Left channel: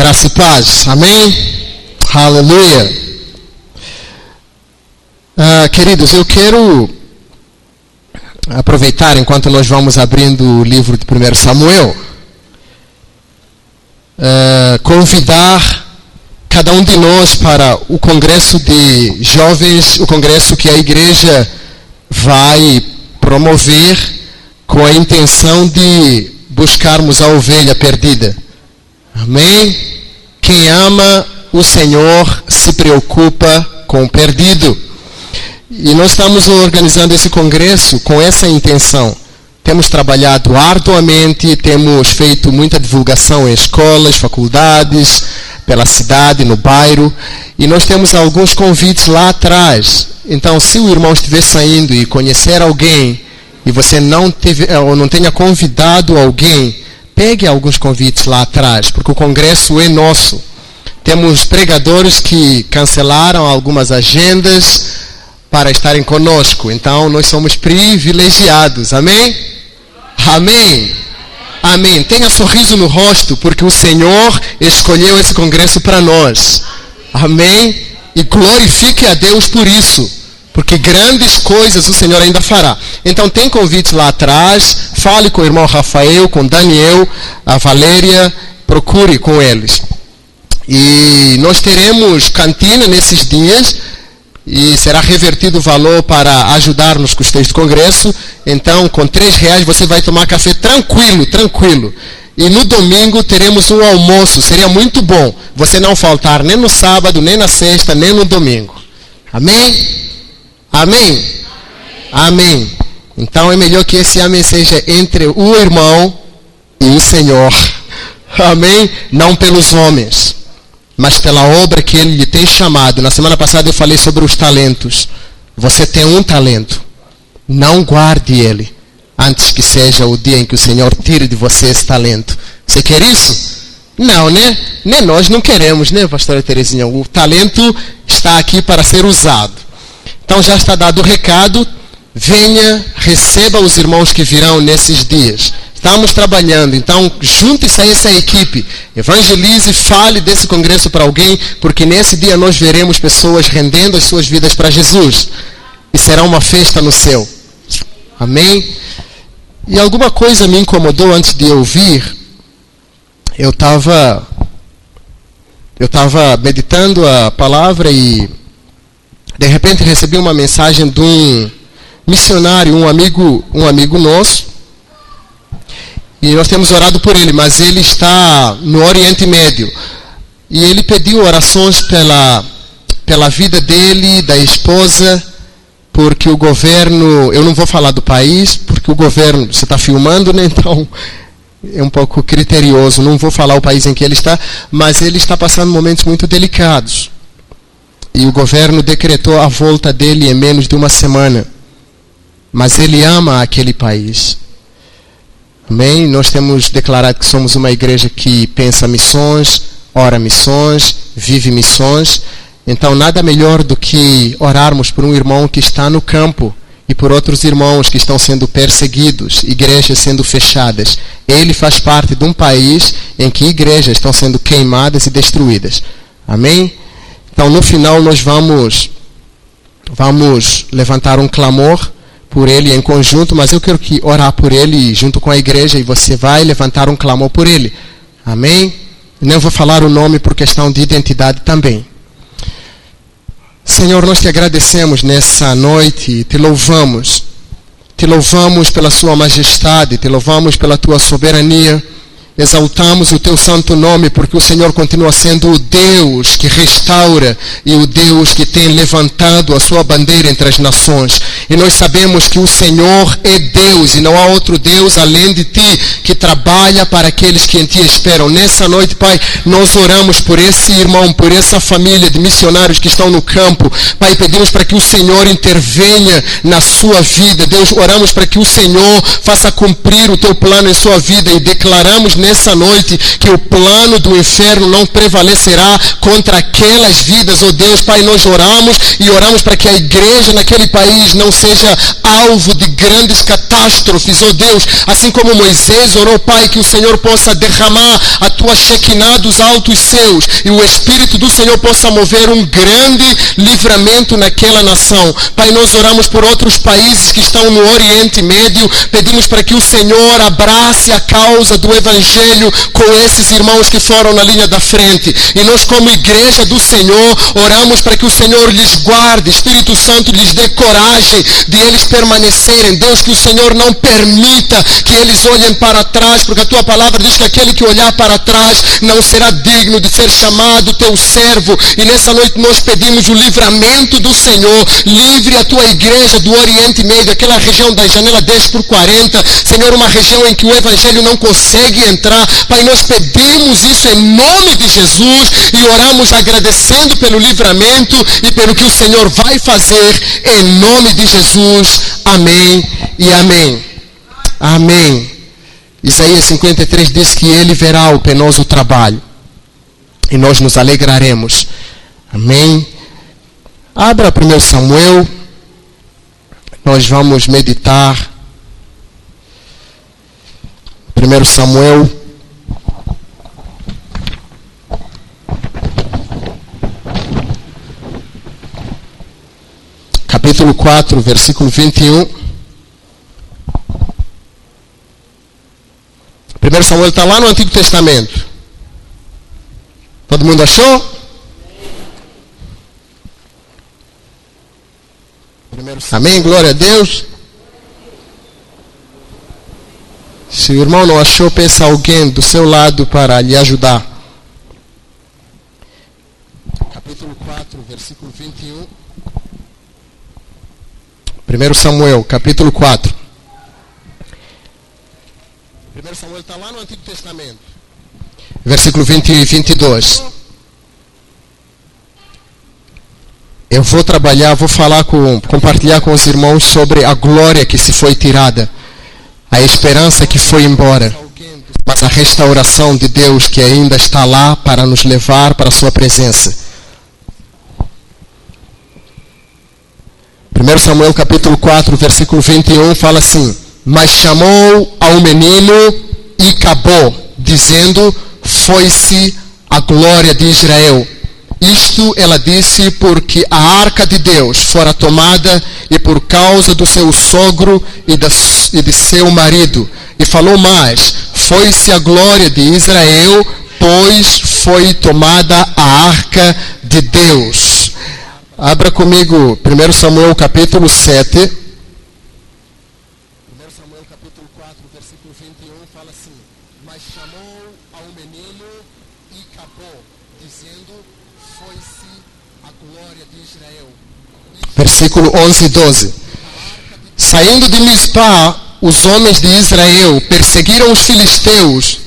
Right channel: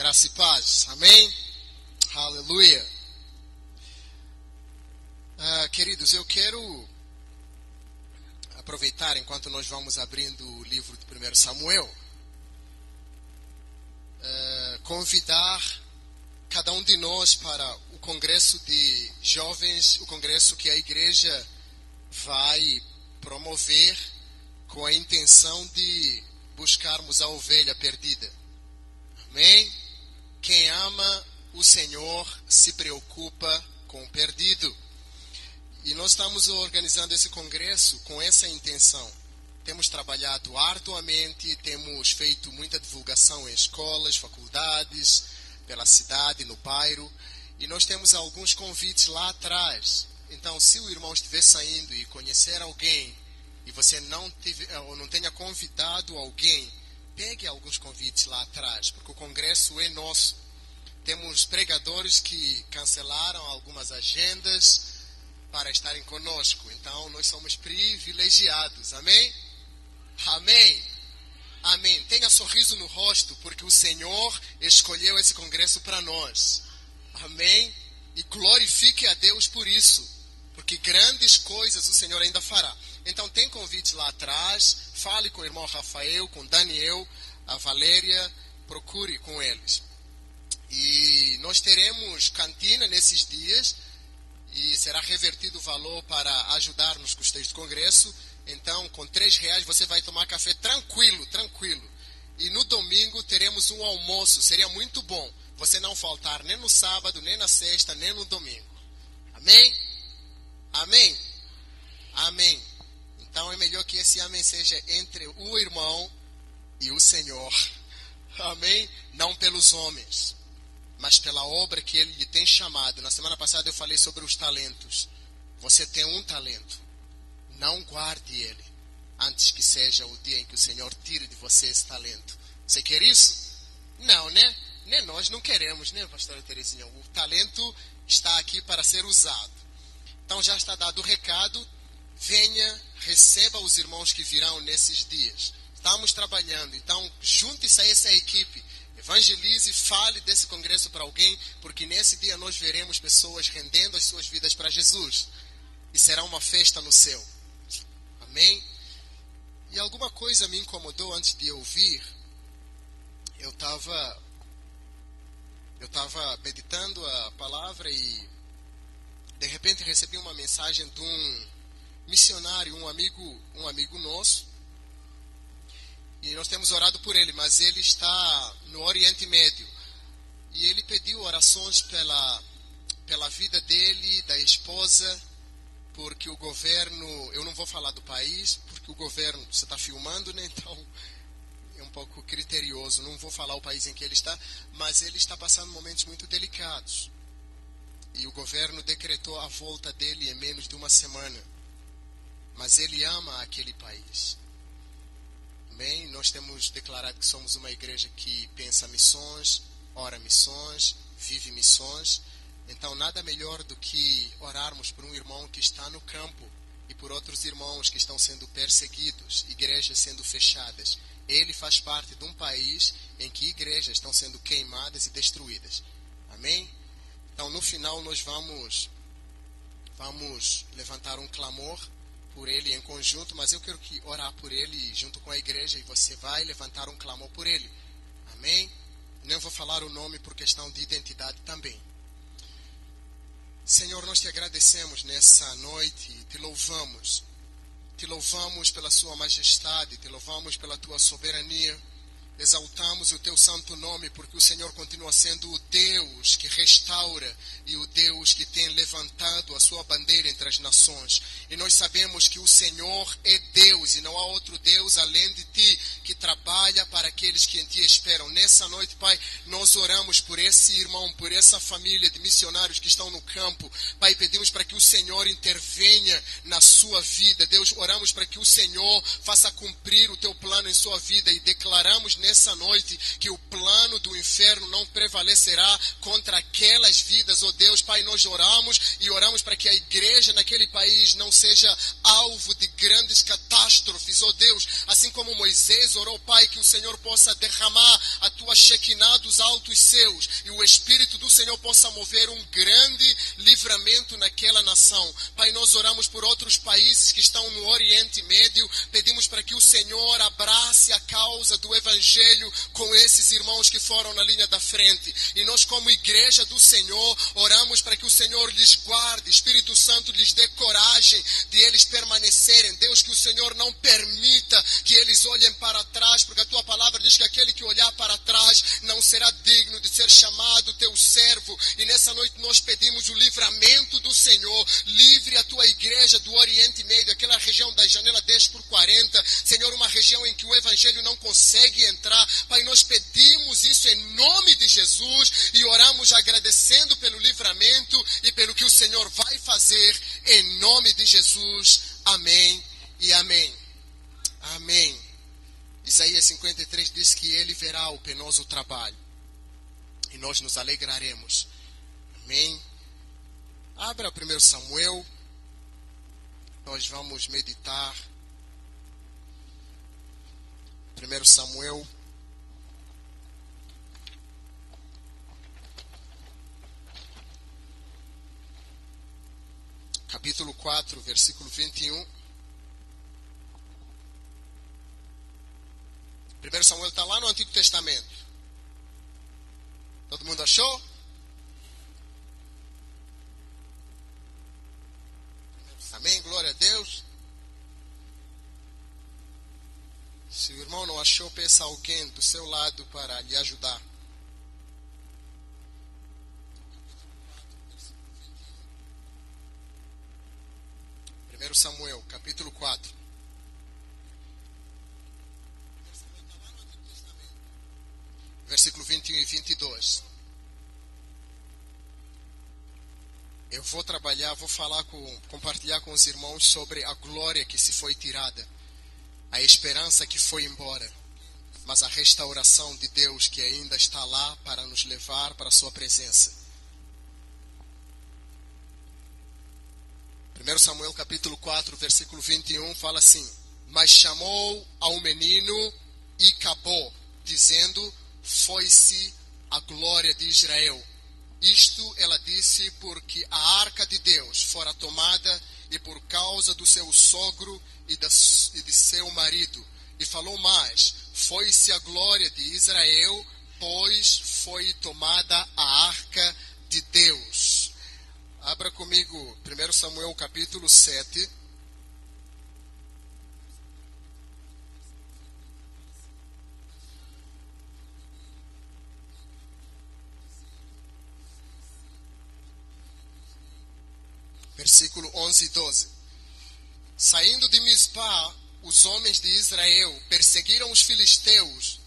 Graça e paz. Amém? Aleluia. Queridos, eu quero aproveitar enquanto nós vamos abrindo o livro de 1 Samuel, convidar cada um de nós para o congresso de jovens, o congresso que a igreja vai promover com a intenção de buscarmos a ovelha perdida. Amém? Quem ama o Senhor se preocupa com o perdido. E nós estamos organizando esse congresso com essa intenção. Temos trabalhado arduamente, temos feito muita divulgação em escolas, faculdades, pela cidade, no bairro. E nós temos alguns convites lá atrás. Então, se o irmão estiver saindo e conhecer alguém, e você não tenha convidado alguém, pegue alguns convites lá atrás, porque o congresso é nosso. Temos pregadores que cancelaram algumas agendas para estarem conosco. Então, nós somos privilegiados. Amém? Amém? Amém. Tenha sorriso no rosto, porque o Senhor escolheu esse congresso para nós. Amém? E glorifique a Deus por isso, porque grandes coisas o Senhor ainda fará. Então tem convites lá atrás. Fale com o irmão Rafael, com Daniel, a Valéria. Procure com eles. E nós teremos cantina nesses dias. E será revertido o valor para ajudar nos custeios do congresso. Então com R$3 você vai tomar café tranquilo. E no domingo teremos um almoço. Seria muito bom você não faltar nem no sábado, nem na sexta, nem no domingo. Amém? Amém? Amém. Então é melhor que esse amém seja entre o irmão e o Senhor. Amém? Não pelos homens, mas pela obra que Ele lhe tem chamado. Na semana passada eu falei sobre os talentos. Você tem um talento. Não guarde ele antes que seja o dia em que o Senhor tire de você esse talento. Você quer isso? Não, né? Nem nós não queremos, né, pastora Terezinha? O talento está aqui para ser usado. Então já está dado o recado. Venha, receba os irmãos que virão nesses dias. Estamos trabalhando, então junte-se a essa equipe. Evangelize, fale desse congresso para alguém, porque nesse dia nós veremos pessoas rendendo as suas vidas para Jesus. E será uma festa no céu. Amém? E alguma coisa me incomodou antes de eu vir. Eu estava meditando a palavra e de repente recebi uma mensagem de um missionário, um amigo nosso. E nós temos orado por ele, mas ele está no Oriente Médio. E ele pediu orações pela vida dele, da esposa, porque o governo, eu não vou falar do país, porque o governo, você está filmando, né? Então é um pouco criterioso, não vou falar o país em que ele está, mas ele está passando momentos muito delicados. E o governo decretou a volta dele em menos de uma semana. Mas ele ama aquele país. Amém? Nós temos declarado que somos uma igreja que pensa missões, ora missões, vive missões. Então nada melhor do que orarmos por um irmão que está no campo e por outros irmãos que estão sendo perseguidos, igrejas sendo fechadas. Ele faz parte de um país em que igrejas estão sendo queimadas e destruídas. Amém? Então no final nós vamos levantar um clamor por ele em conjunto, mas eu quero que orar por ele junto com a igreja e você vai levantar um clamor por ele. Amém? Não vou falar o nome por questão de identidade também. Senhor, nós te agradecemos nessa noite, te louvamos pela sua majestade, te louvamos pela tua soberania. Exaltamos o teu santo nome, porque o Senhor continua sendo o Deus que restaura e o Deus que tem levantado a sua bandeira entre as nações. E nós sabemos que o Senhor é Deus e não há outro Deus além de ti, que trabalha para aqueles que em ti esperam. Nessa noite, Pai, nós oramos por esse irmão, por essa família de missionários que estão no campo. Pai, pedimos para que o Senhor intervenha na sua vida. Deus, oramos para que o Senhor faça cumprir o teu plano em sua vida e declaramos nessa nessa noite que o plano do inferno não prevalecerá contra aquelas vidas, oh Deus. Pai, nós oramos e oramos para que a igreja naquele país não seja alvo de grandes catástrofes, oh Deus. Assim como Moisés orou, Pai, que o Senhor possa derramar a tua Shekinah dos altos céus e o Espírito do Senhor possa mover um grande livramento naquela nação. Pai, nós oramos por outros países que estão no Oriente Médio, pedimos para que o Senhor abrace a causa do Evangelho com esses irmãos que foram na linha da frente. E nós, como igreja do Senhor, oramos para que o Senhor lhes guarde, Espírito Santo lhes dê coragem de eles permanecerem. Deus, que o Senhor não permita que eles olhem para trás, porque a tua palavra diz que aquele que olhar para trás não será digno de ser chamado teu servo. E nessa noite nós pedimos o livramento do Senhor. Livre a tua igreja do Oriente Médio, aquela região da janela 10x40, Senhor, uma região em que o Evangelho não consegue entrar. Pai, nós pedimos isso em nome de Jesus e oramos agradecendo pelo livramento e pelo que o Senhor vai fazer em nome de Jesus. Amém e amém. Amém. Isaías 53 diz que ele verá o penoso trabalho e nós nos alegraremos. Amém. Abra 1 Samuel. Nós vamos meditar. 1 Samuel. Capítulo 4, versículo 21. 1 Samuel está lá no Antigo Testamento. Todo mundo achou? Amém? Glória a Deus. Se o irmão não achou, peça alguém do seu lado para lhe ajudar. Capítulo 4, versículo 21. 1 Samuel, capítulo 4. 1 Samuel está lá no Antigo Testamento. Versículo 21 e 22. Eu vou compartilhar com os irmãos sobre a glória que se foi tirada, a esperança que foi embora, mas a restauração de Deus que ainda está lá para nos levar para a sua presença. 1 Samuel capítulo 4, versículo 21 fala assim: mas chamou ao menino e acabou, dizendo: foi-se a glória de Israel. Isto ela disse porque a arca de Deus fora tomada e por causa do seu sogro e de seu marido. E falou mais: foi-se a glória de Israel, pois foi tomada a arca de Deus. Abra comigo 1 Samuel capítulo 7. 1 Samuel capítulo 4, versículo 21 fala assim: mas chamou ao menino e acabou, dizendo: foi-se a glória de Israel. Versículo 11 e 12. Saindo de Mispá, os homens de Israel perseguiram os filisteus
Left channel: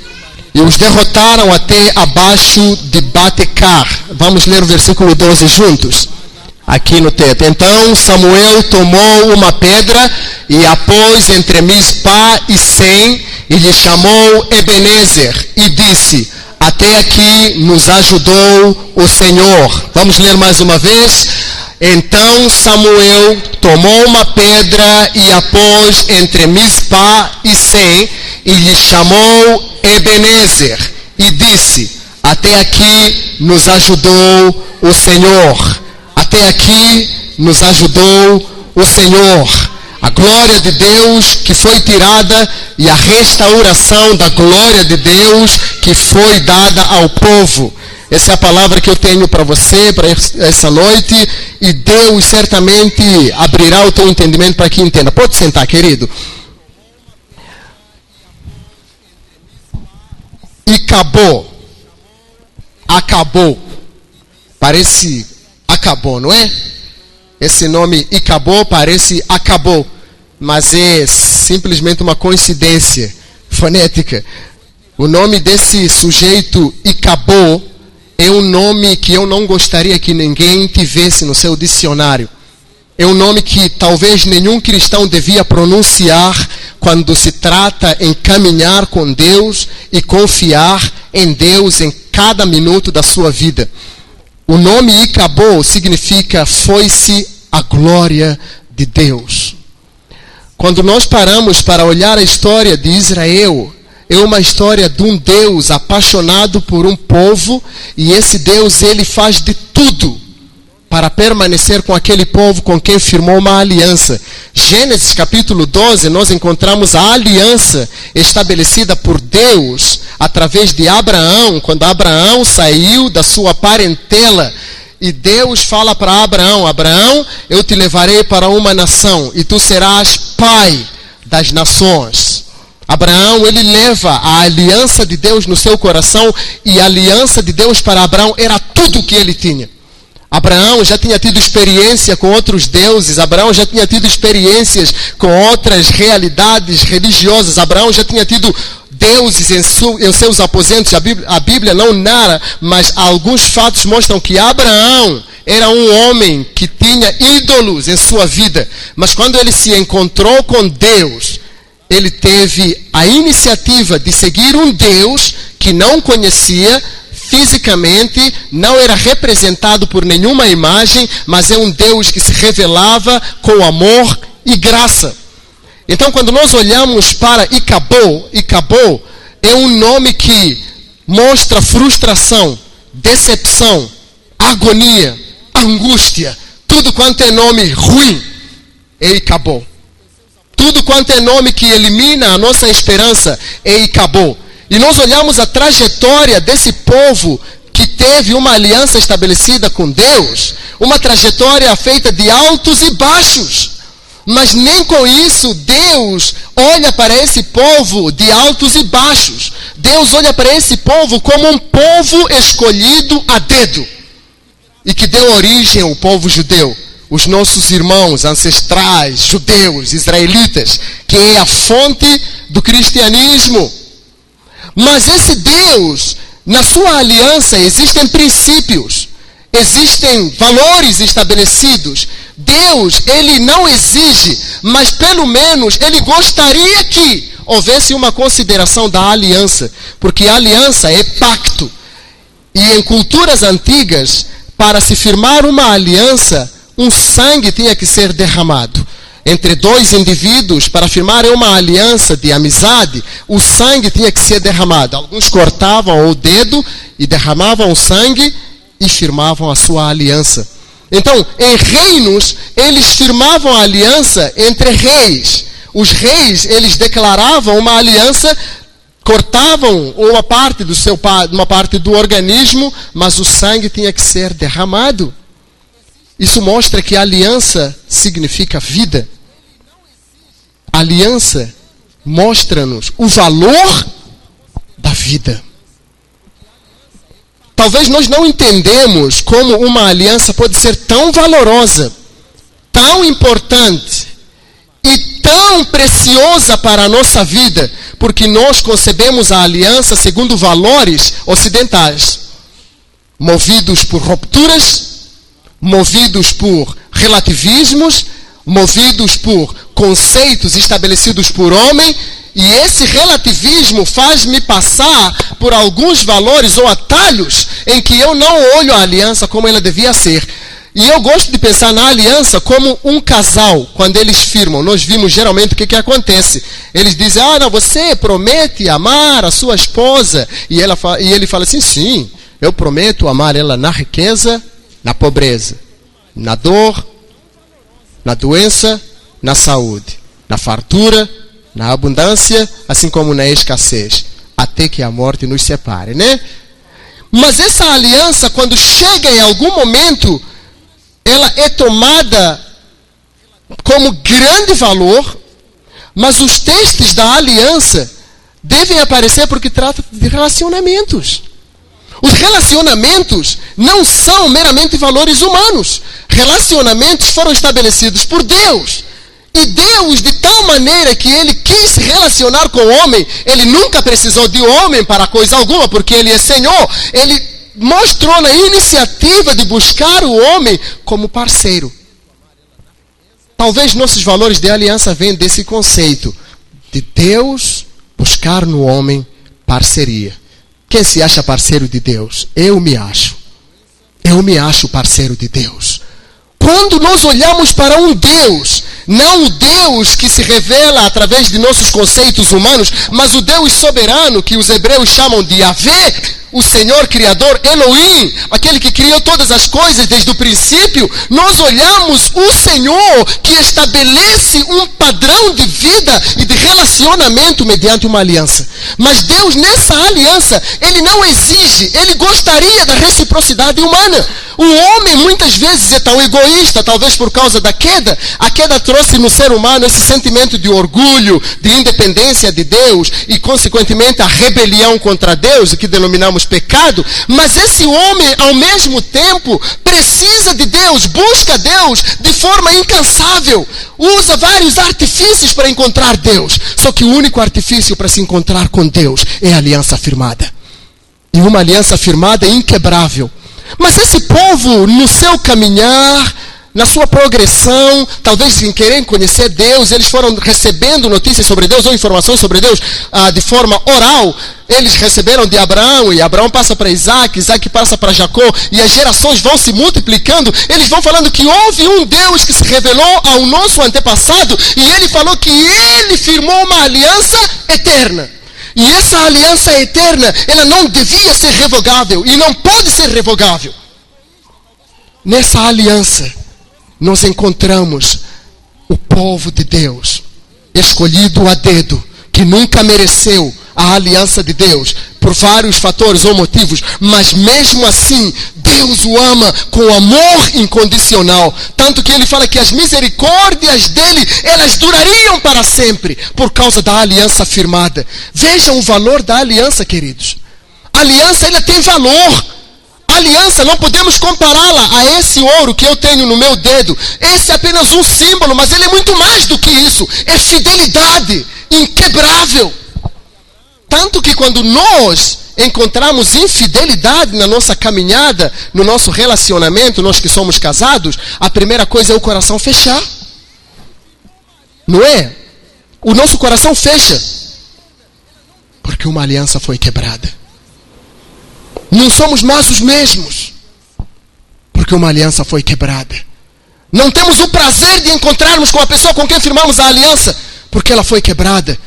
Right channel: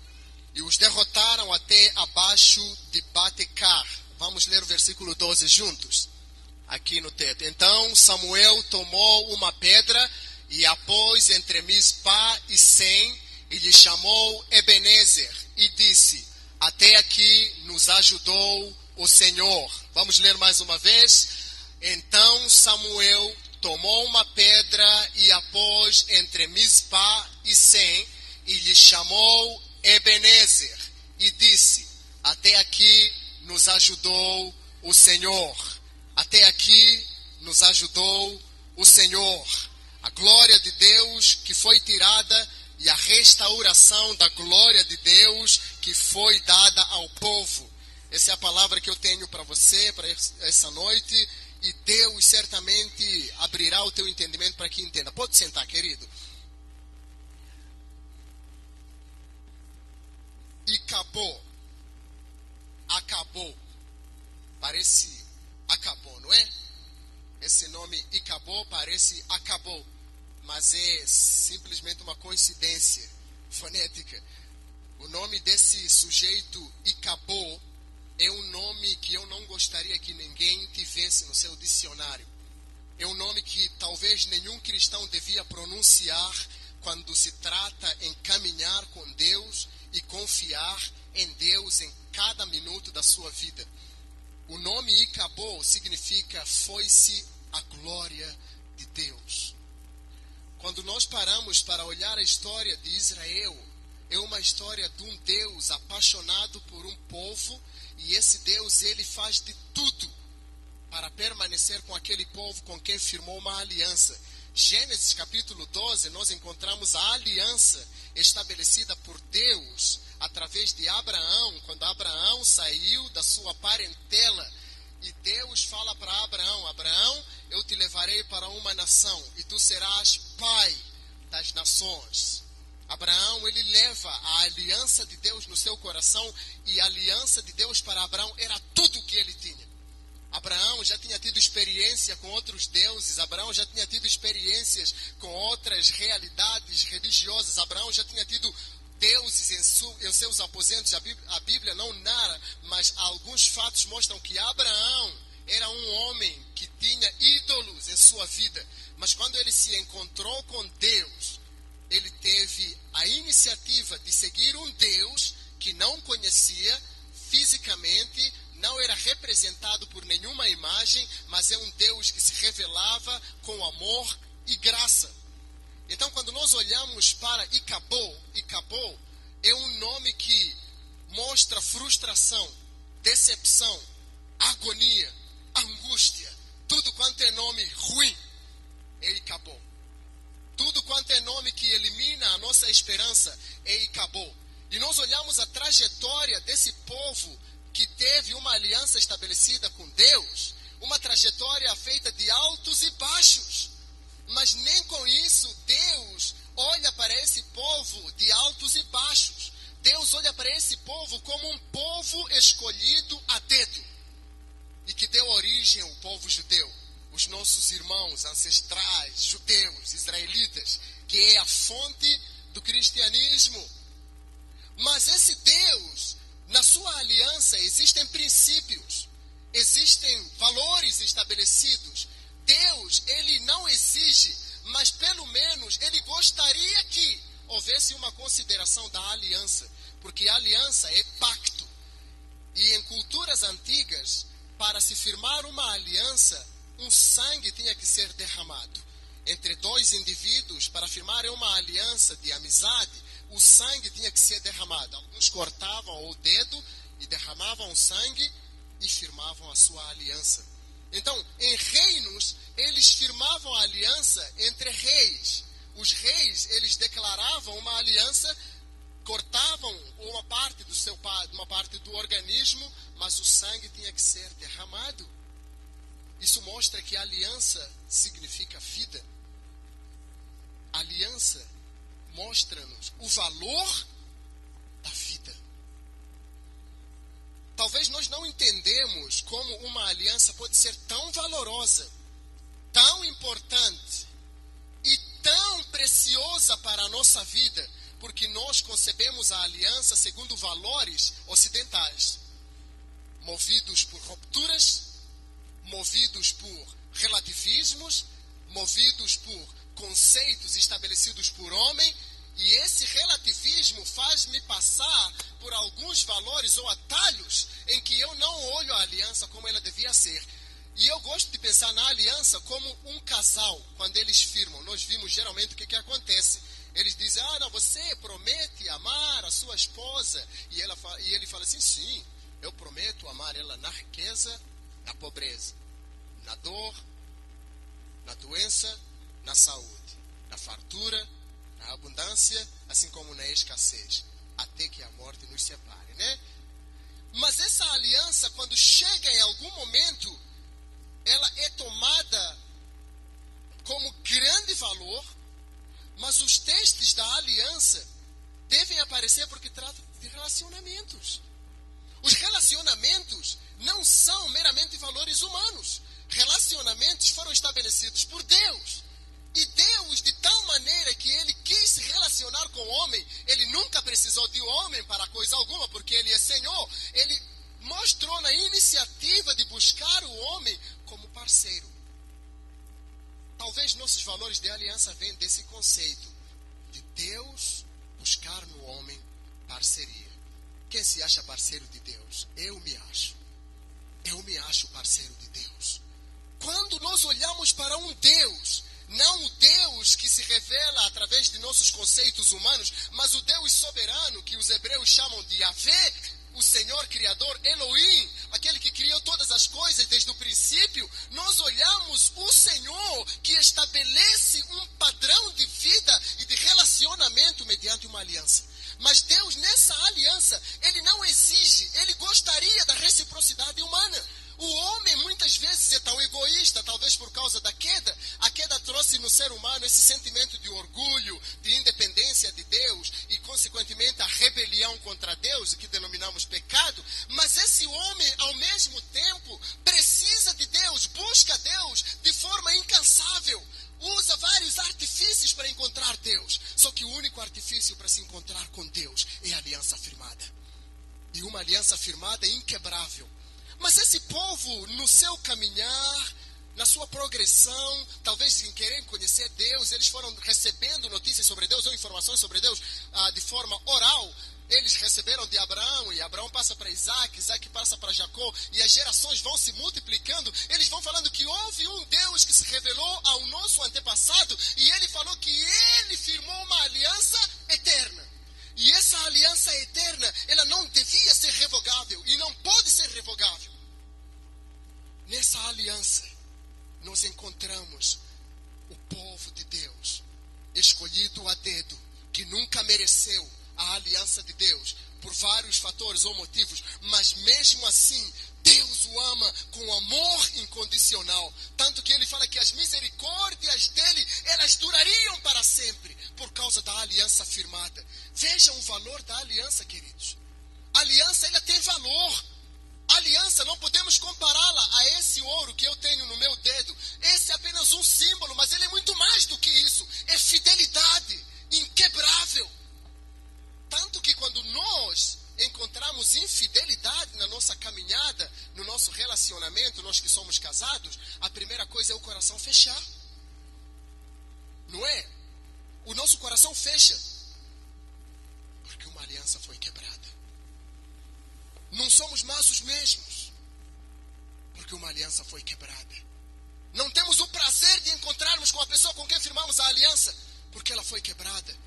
e os derrotaram até abaixo de Batecar. Vamos ler o versículo 12 juntos. Aqui no teto. Então Samuel tomou uma pedra e a pôs entre Mispá e Sem e lhe chamou Ebenezer e disse: até aqui nos ajudou o Senhor. Vamos ler mais uma vez. Então Samuel tomou uma pedra e a pôs entre Mispá e Sem e lhe chamou Ebenezer e disse: até aqui nos ajudou o Senhor. Até aqui nos ajudou o Senhor. A glória de Deus que foi tirada e a restauração da glória de Deus que foi dada ao povo. Essa é a palavra que eu tenho para você, para essa noite. E Deus certamente abrirá o teu entendimento para que entenda. Pode sentar, querido. E acabou. Acabou. Parece acabou, não é? Esse nome acabou parece acabou, mas é simplesmente uma coincidência fonética. O nome desse sujeito acabou é um nome que eu não gostaria que ninguém tivesse no seu dicionário. É um nome que talvez nenhum cristão devia pronunciar quando se trata em caminhar com Deus e confiar em Deus em cada minuto da sua vida. O nome Icabod significa foi-se a glória de Deus. Quando nós paramos para olhar a história de Israel, é uma história de um Deus apaixonado por um povo, e esse Deus, ele faz de tudo para permanecer com aquele povo com quem firmou uma aliança. Gênesis capítulo 12, nós encontramos a aliança estabelecida por Deus através de Abraão, quando Abraão saiu da sua parentela. E Deus fala para Abraão: Abraão, eu te levarei para uma nação e tu serás pai das nações. Abraão, ele leva a aliança de Deus no seu coração, e a aliança de Deus para Abraão era tudo o que ele tinha. Abraão já tinha tido experiência com outros deuses, Abraão já tinha tido experiências com outras realidades religiosas, Abraão já tinha tido deuses em seus aposentos. A Bíblia não narra, mas alguns fatos mostram que Abraão era um homem que tinha ídolos em sua vida, mas quando ele se encontrou com Deus, ele teve a iniciativa de seguir um Deus que não conhecia fisicamente, não era representado por nenhuma imagem, mas é um Deus que se revelava com amor e graça. Então, quando nós olhamos para Icabod, Icabod é um nome que mostra frustração, decepção, agonia, angústia. Tudo quanto é nome ruim é Icabod. Tudo quanto é nome que elimina a nossa esperança é Icabod. E nós olhamos a trajetória desse povo que teve uma aliança estabelecida com Deus, uma trajetória feita de altos e baixos. Mas nem com isso Deus olha para esse povo de altos e baixos. Deus olha para esse povo como um povo escolhido a dedo, e que deu origem ao povo judeu. Os nossos irmãos ancestrais, judeus, israelitas, que é a fonte do cristianismo. Mas esse Deus, na sua aliança, existem princípios, existem valores estabelecidos. Deus, ele não exige, mas pelo menos ele gostaria que houvesse uma consideração da aliança, porque a aliança é pacto. E em culturas antigas, para se firmar uma aliança, um sangue tinha que ser derramado. Entre dois indivíduos, para firmar uma aliança de amizade, o sangue tinha que ser derramado. Alguns cortavam o dedo e derramavam o sangue e firmavam a sua aliança. Então, em reinos, eles firmavam a aliança entre reis. Os reis, eles declaravam uma aliança, cortavam uma parte do organismo, mas o sangue tinha que ser derramado. Isso mostra que a aliança significa vida. A aliança mostra-nos o valor da vida. Talvez nós não entendemos como uma aliança pode ser tão valorosa, tão importante e tão preciosa para a nossa vida, porque nós concebemos a aliança segundo valores ocidentais, movidos por rupturas, movidos por relativismos, movidos por conceitos estabelecidos por homem, e esse relativismo faz-me passar por alguns valores ou atalhos em que eu não olho a aliança como ela devia ser. E eu gosto de pensar na aliança como um casal, quando eles firmam. Nós vimos geralmente o que acontece. Eles dizem: não, você promete amar a sua esposa. E ele fala assim: sim, eu prometo amar ela na riqueza, na pobreza, na dor, na doença, na saúde, na fartura, na abundância, assim como na escassez, até que a morte nos separe, né? Mas essa aliança, quando chega em algum momento, ela é tomada como grande valor, mas os testes da aliança devem aparecer porque trata de relacionamentos. Os relacionamentos não são meramente valores humanos. Relacionamentos foram estabelecidos por Deus. E Deus, de tal maneira que Ele quis se relacionar com o homem, Ele nunca precisou de homem para coisa alguma, porque Ele é Senhor. Ele mostrou na iniciativa de buscar o homem como parceiro. Talvez nossos valores de aliança venham desse conceito de Deus buscar no homem parceria. Quem se acha parceiro de Deus? Eu me acho. Eu me acho parceiro de Deus. Quando nós olhamos para um Deus, não o Deus que se revela através de nossos conceitos humanos, mas o Deus soberano que os hebreus chamam de Yahvé, o Senhor Criador, Elohim, aquele que criou todas as coisas desde o princípio, nós olhamos o Senhor que estabelece um padrão de vida e de relacionamento mediante uma aliança. Mas Deus, nessa aliança, Ele não exige, Ele gostaria da reciprocidade humana. O homem muitas vezes é tão egoísta, talvez por causa da queda. A queda trouxe no ser humano esse sentimento de orgulho, de independência de Deus e, consequentemente, a rebelião contra Deus, o que denominamos pecado. Mas esse homem, ao mesmo tempo, precisa de Deus, busca Deus de forma incansável. Usa vários artifícios para encontrar Deus. Só que o único artifício para se encontrar com Deus é a aliança firmada. E uma aliança firmada é inquebrável. Mas esse povo, no seu caminhar, na sua progressão, talvez em querer conhecer Deus, eles foram recebendo notícias sobre Deus ou informações sobre Deus de forma oral. Eles receberam de Abraão, e Abraão passa para Isaac, Isaac passa para Jacó, e as gerações vão se multiplicando. Eles vão falando que houve um Deus que se revelou ao nosso antepassado, e ele falou que ele firmou uma aliança eterna. E essa aliança eterna, ela não devia ser revogável, e não pode ser revogável. Nessa aliança, nós encontramos o povo de Deus, escolhido a dedo, que nunca mereceu a aliança de Deus, por vários fatores ou motivos, mas mesmo assim, Deus o ama com amor incondicional, tanto que ele fala que as misericórdias dele, elas durariam para sempre, por causa da aliança firmada. Vejam o valor da aliança, queridos. A aliança, ela tem valor. A aliança, não podemos compará-la a esse ouro que eu tenho no meu dedo. Esse é apenas um símbolo, mas ele é muito mais do que isso. É fidelidade inquebrável. Tanto que quando nós encontramos infidelidade na nossa caminhada, no nosso relacionamento, nós que somos casados, a primeira coisa é o coração fechar. Não é? O nosso coração fecha. Porque uma aliança foi quebrada. Não somos mais os mesmos. Porque uma aliança foi quebrada. Não temos o prazer de encontrarmos com a pessoa com quem firmamos a aliança. Porque ela foi quebrada.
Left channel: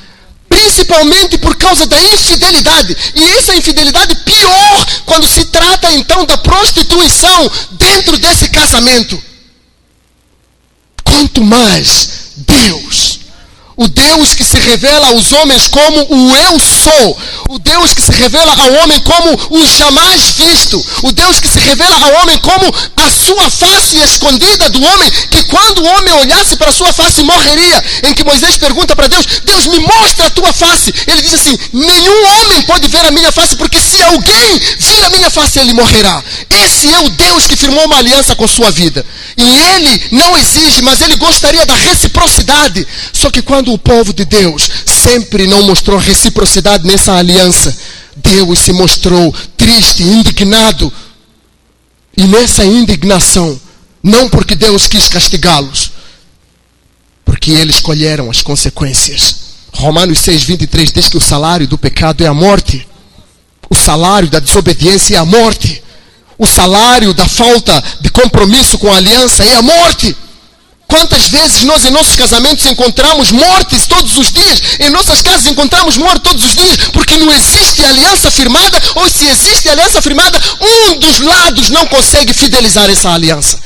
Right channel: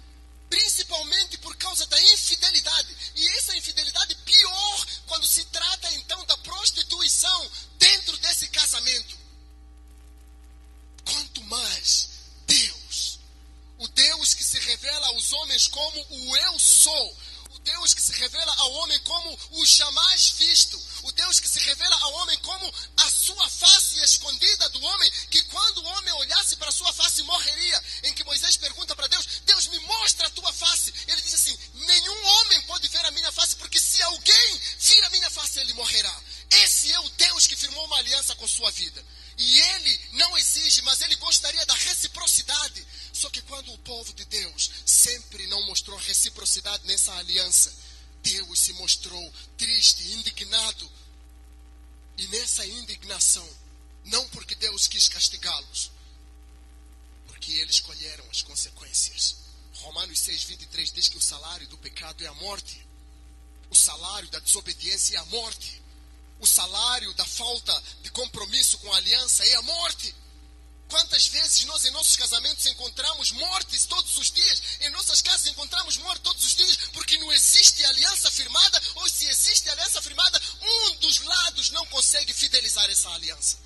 Principalmente por causa da infidelidade. E essa infidelidade pior quando se trata então da prostituição dentro desse casamento. Quanto mais Deus, o Deus que se revela aos homens como o eu sou, o Deus que se revela ao homem como o jamais visto, o Deus que se revela ao homem como a sua face escondida do homem, que quando o homem olhasse para a sua face morreria, em que Moisés pergunta para Deus, Deus me mostra a tua face, ele diz assim, nenhum homem pode ver a minha face, porque se alguém vir a minha face, ele morrerá. Esse é o Deus que firmou uma aliança com sua vida, e ele não exige, mas ele gostaria da reciprocidade. Só que quando o povo de Deus sempre não mostrou reciprocidade nessa aliança, Deus se mostrou triste, indignado. E nessa indignação, não porque Deus quis castigá-los, porque eles escolheram as consequências. Romanos 6:23 diz que o salário do pecado é a morte. O salário da desobediência é a morte. O salário da falta de compromisso com a aliança é a morte. Quantas vezes nós em nossos casamentos encontramos mortes todos os dias? Em nossas casas encontramos morte todos os dias, porque não existe aliança firmada, ou se existe aliança firmada, um dos lados não consegue fidelizar essa aliança.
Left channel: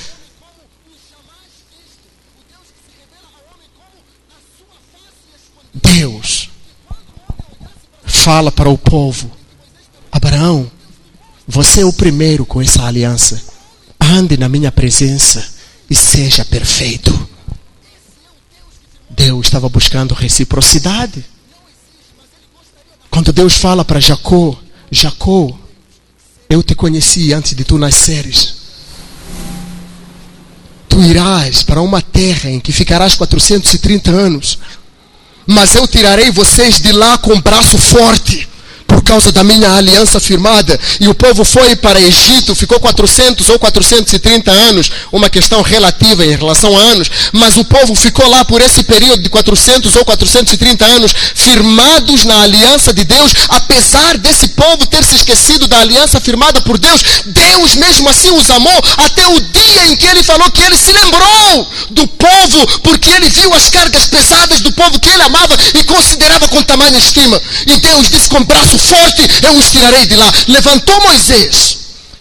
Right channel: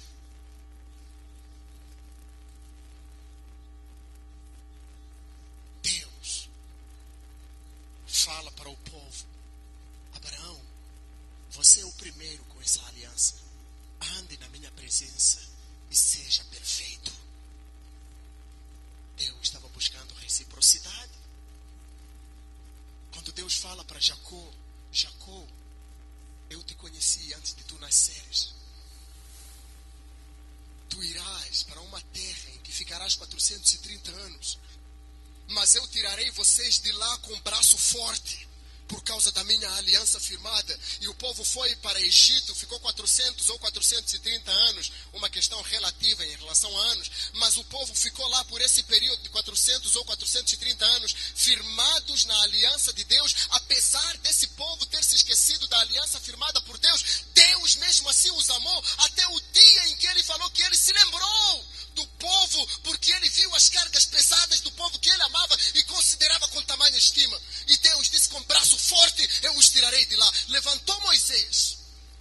Deus fala para o povo, Abraão, você é o primeiro com essa aliança. Ande na minha presença e seja perfeito. Deus estava buscando reciprocidade. Quando Deus fala para Jacó, Jacó, eu te conheci antes de tu nasceres. Tu irás para uma terra em que ficarás 430 anos. Mas eu tirarei vocês de lá com braço forte, por causa da minha aliança firmada. E o povo foi para Egito, ficou 400 ou 430 anos, uma questão relativa em relação a anos, mas o povo ficou lá por esse período de 400 ou 430 anos, firmados na aliança de Deus. Apesar desse povo ter se esquecido da aliança firmada por Deus, Deus mesmo assim os amou, até o dia em que ele falou que ele se lembrou do povo, porque ele viu as cargas pesadas do povo que ele amava e considerava com tamanha estima. E Deus disse: com braço forte eu os tirarei de lá. Levantou Moisés,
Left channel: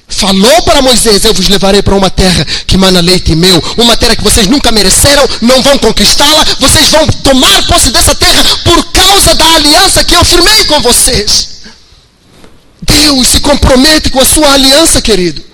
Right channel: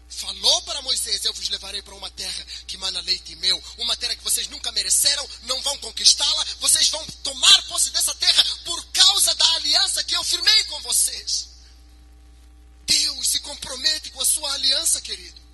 falou para Moisés: eu vos levarei para uma terra que mana leite e mel, uma terra que vocês nunca mereceram, não vão conquistá-la, vocês vão tomar posse dessa terra por causa da aliança que eu firmei com vocês. Deus se compromete com a sua aliança, querido.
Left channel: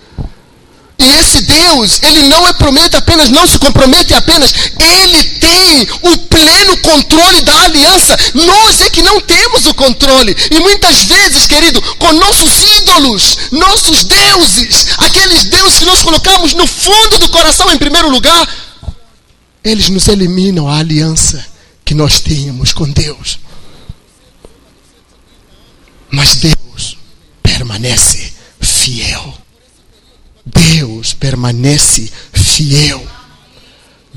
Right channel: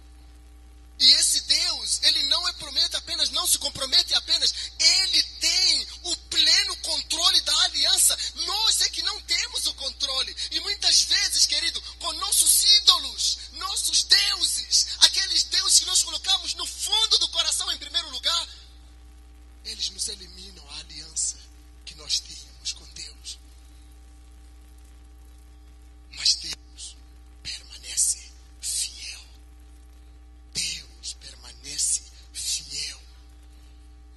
E esse Deus, ele não se compromete apenas, ele tem o pleno controle da aliança. Nós é que não temos o controle. E muitas vezes, querido, com nossos ídolos, nossos deuses, aqueles deuses que nós colocamos no fundo do coração em primeiro lugar, eles nos eliminam a aliança que nós tínhamos com Deus. Mas Deus permanece fiel. Deus permanece fiel.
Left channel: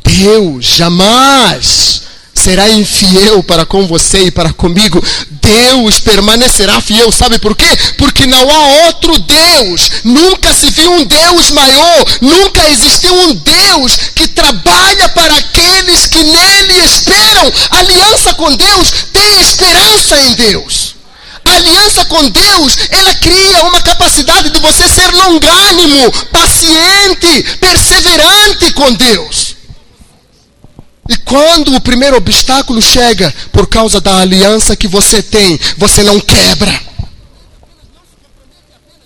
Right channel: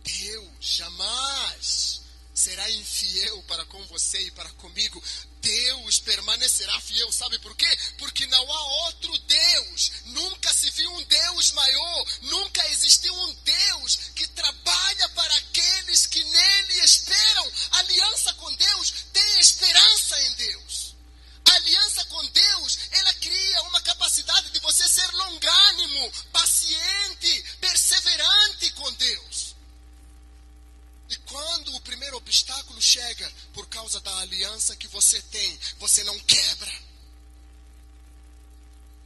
Deus jamais será infiel para com você e para comigo. Deus permanecerá fiel. Sabe por quê? Porque não há outro Deus. Nunca se viu um Deus maior. Nunca existiu um Deus que trabalha para aqueles que nele esperam. A aliança com Deus tem esperança em Deus. A aliança com Deus, ela cria uma capacidade de você ser longânimo, paciente, perseverante com Deus. E quando o primeiro obstáculo chega, por causa da aliança que você tem, você não quebra.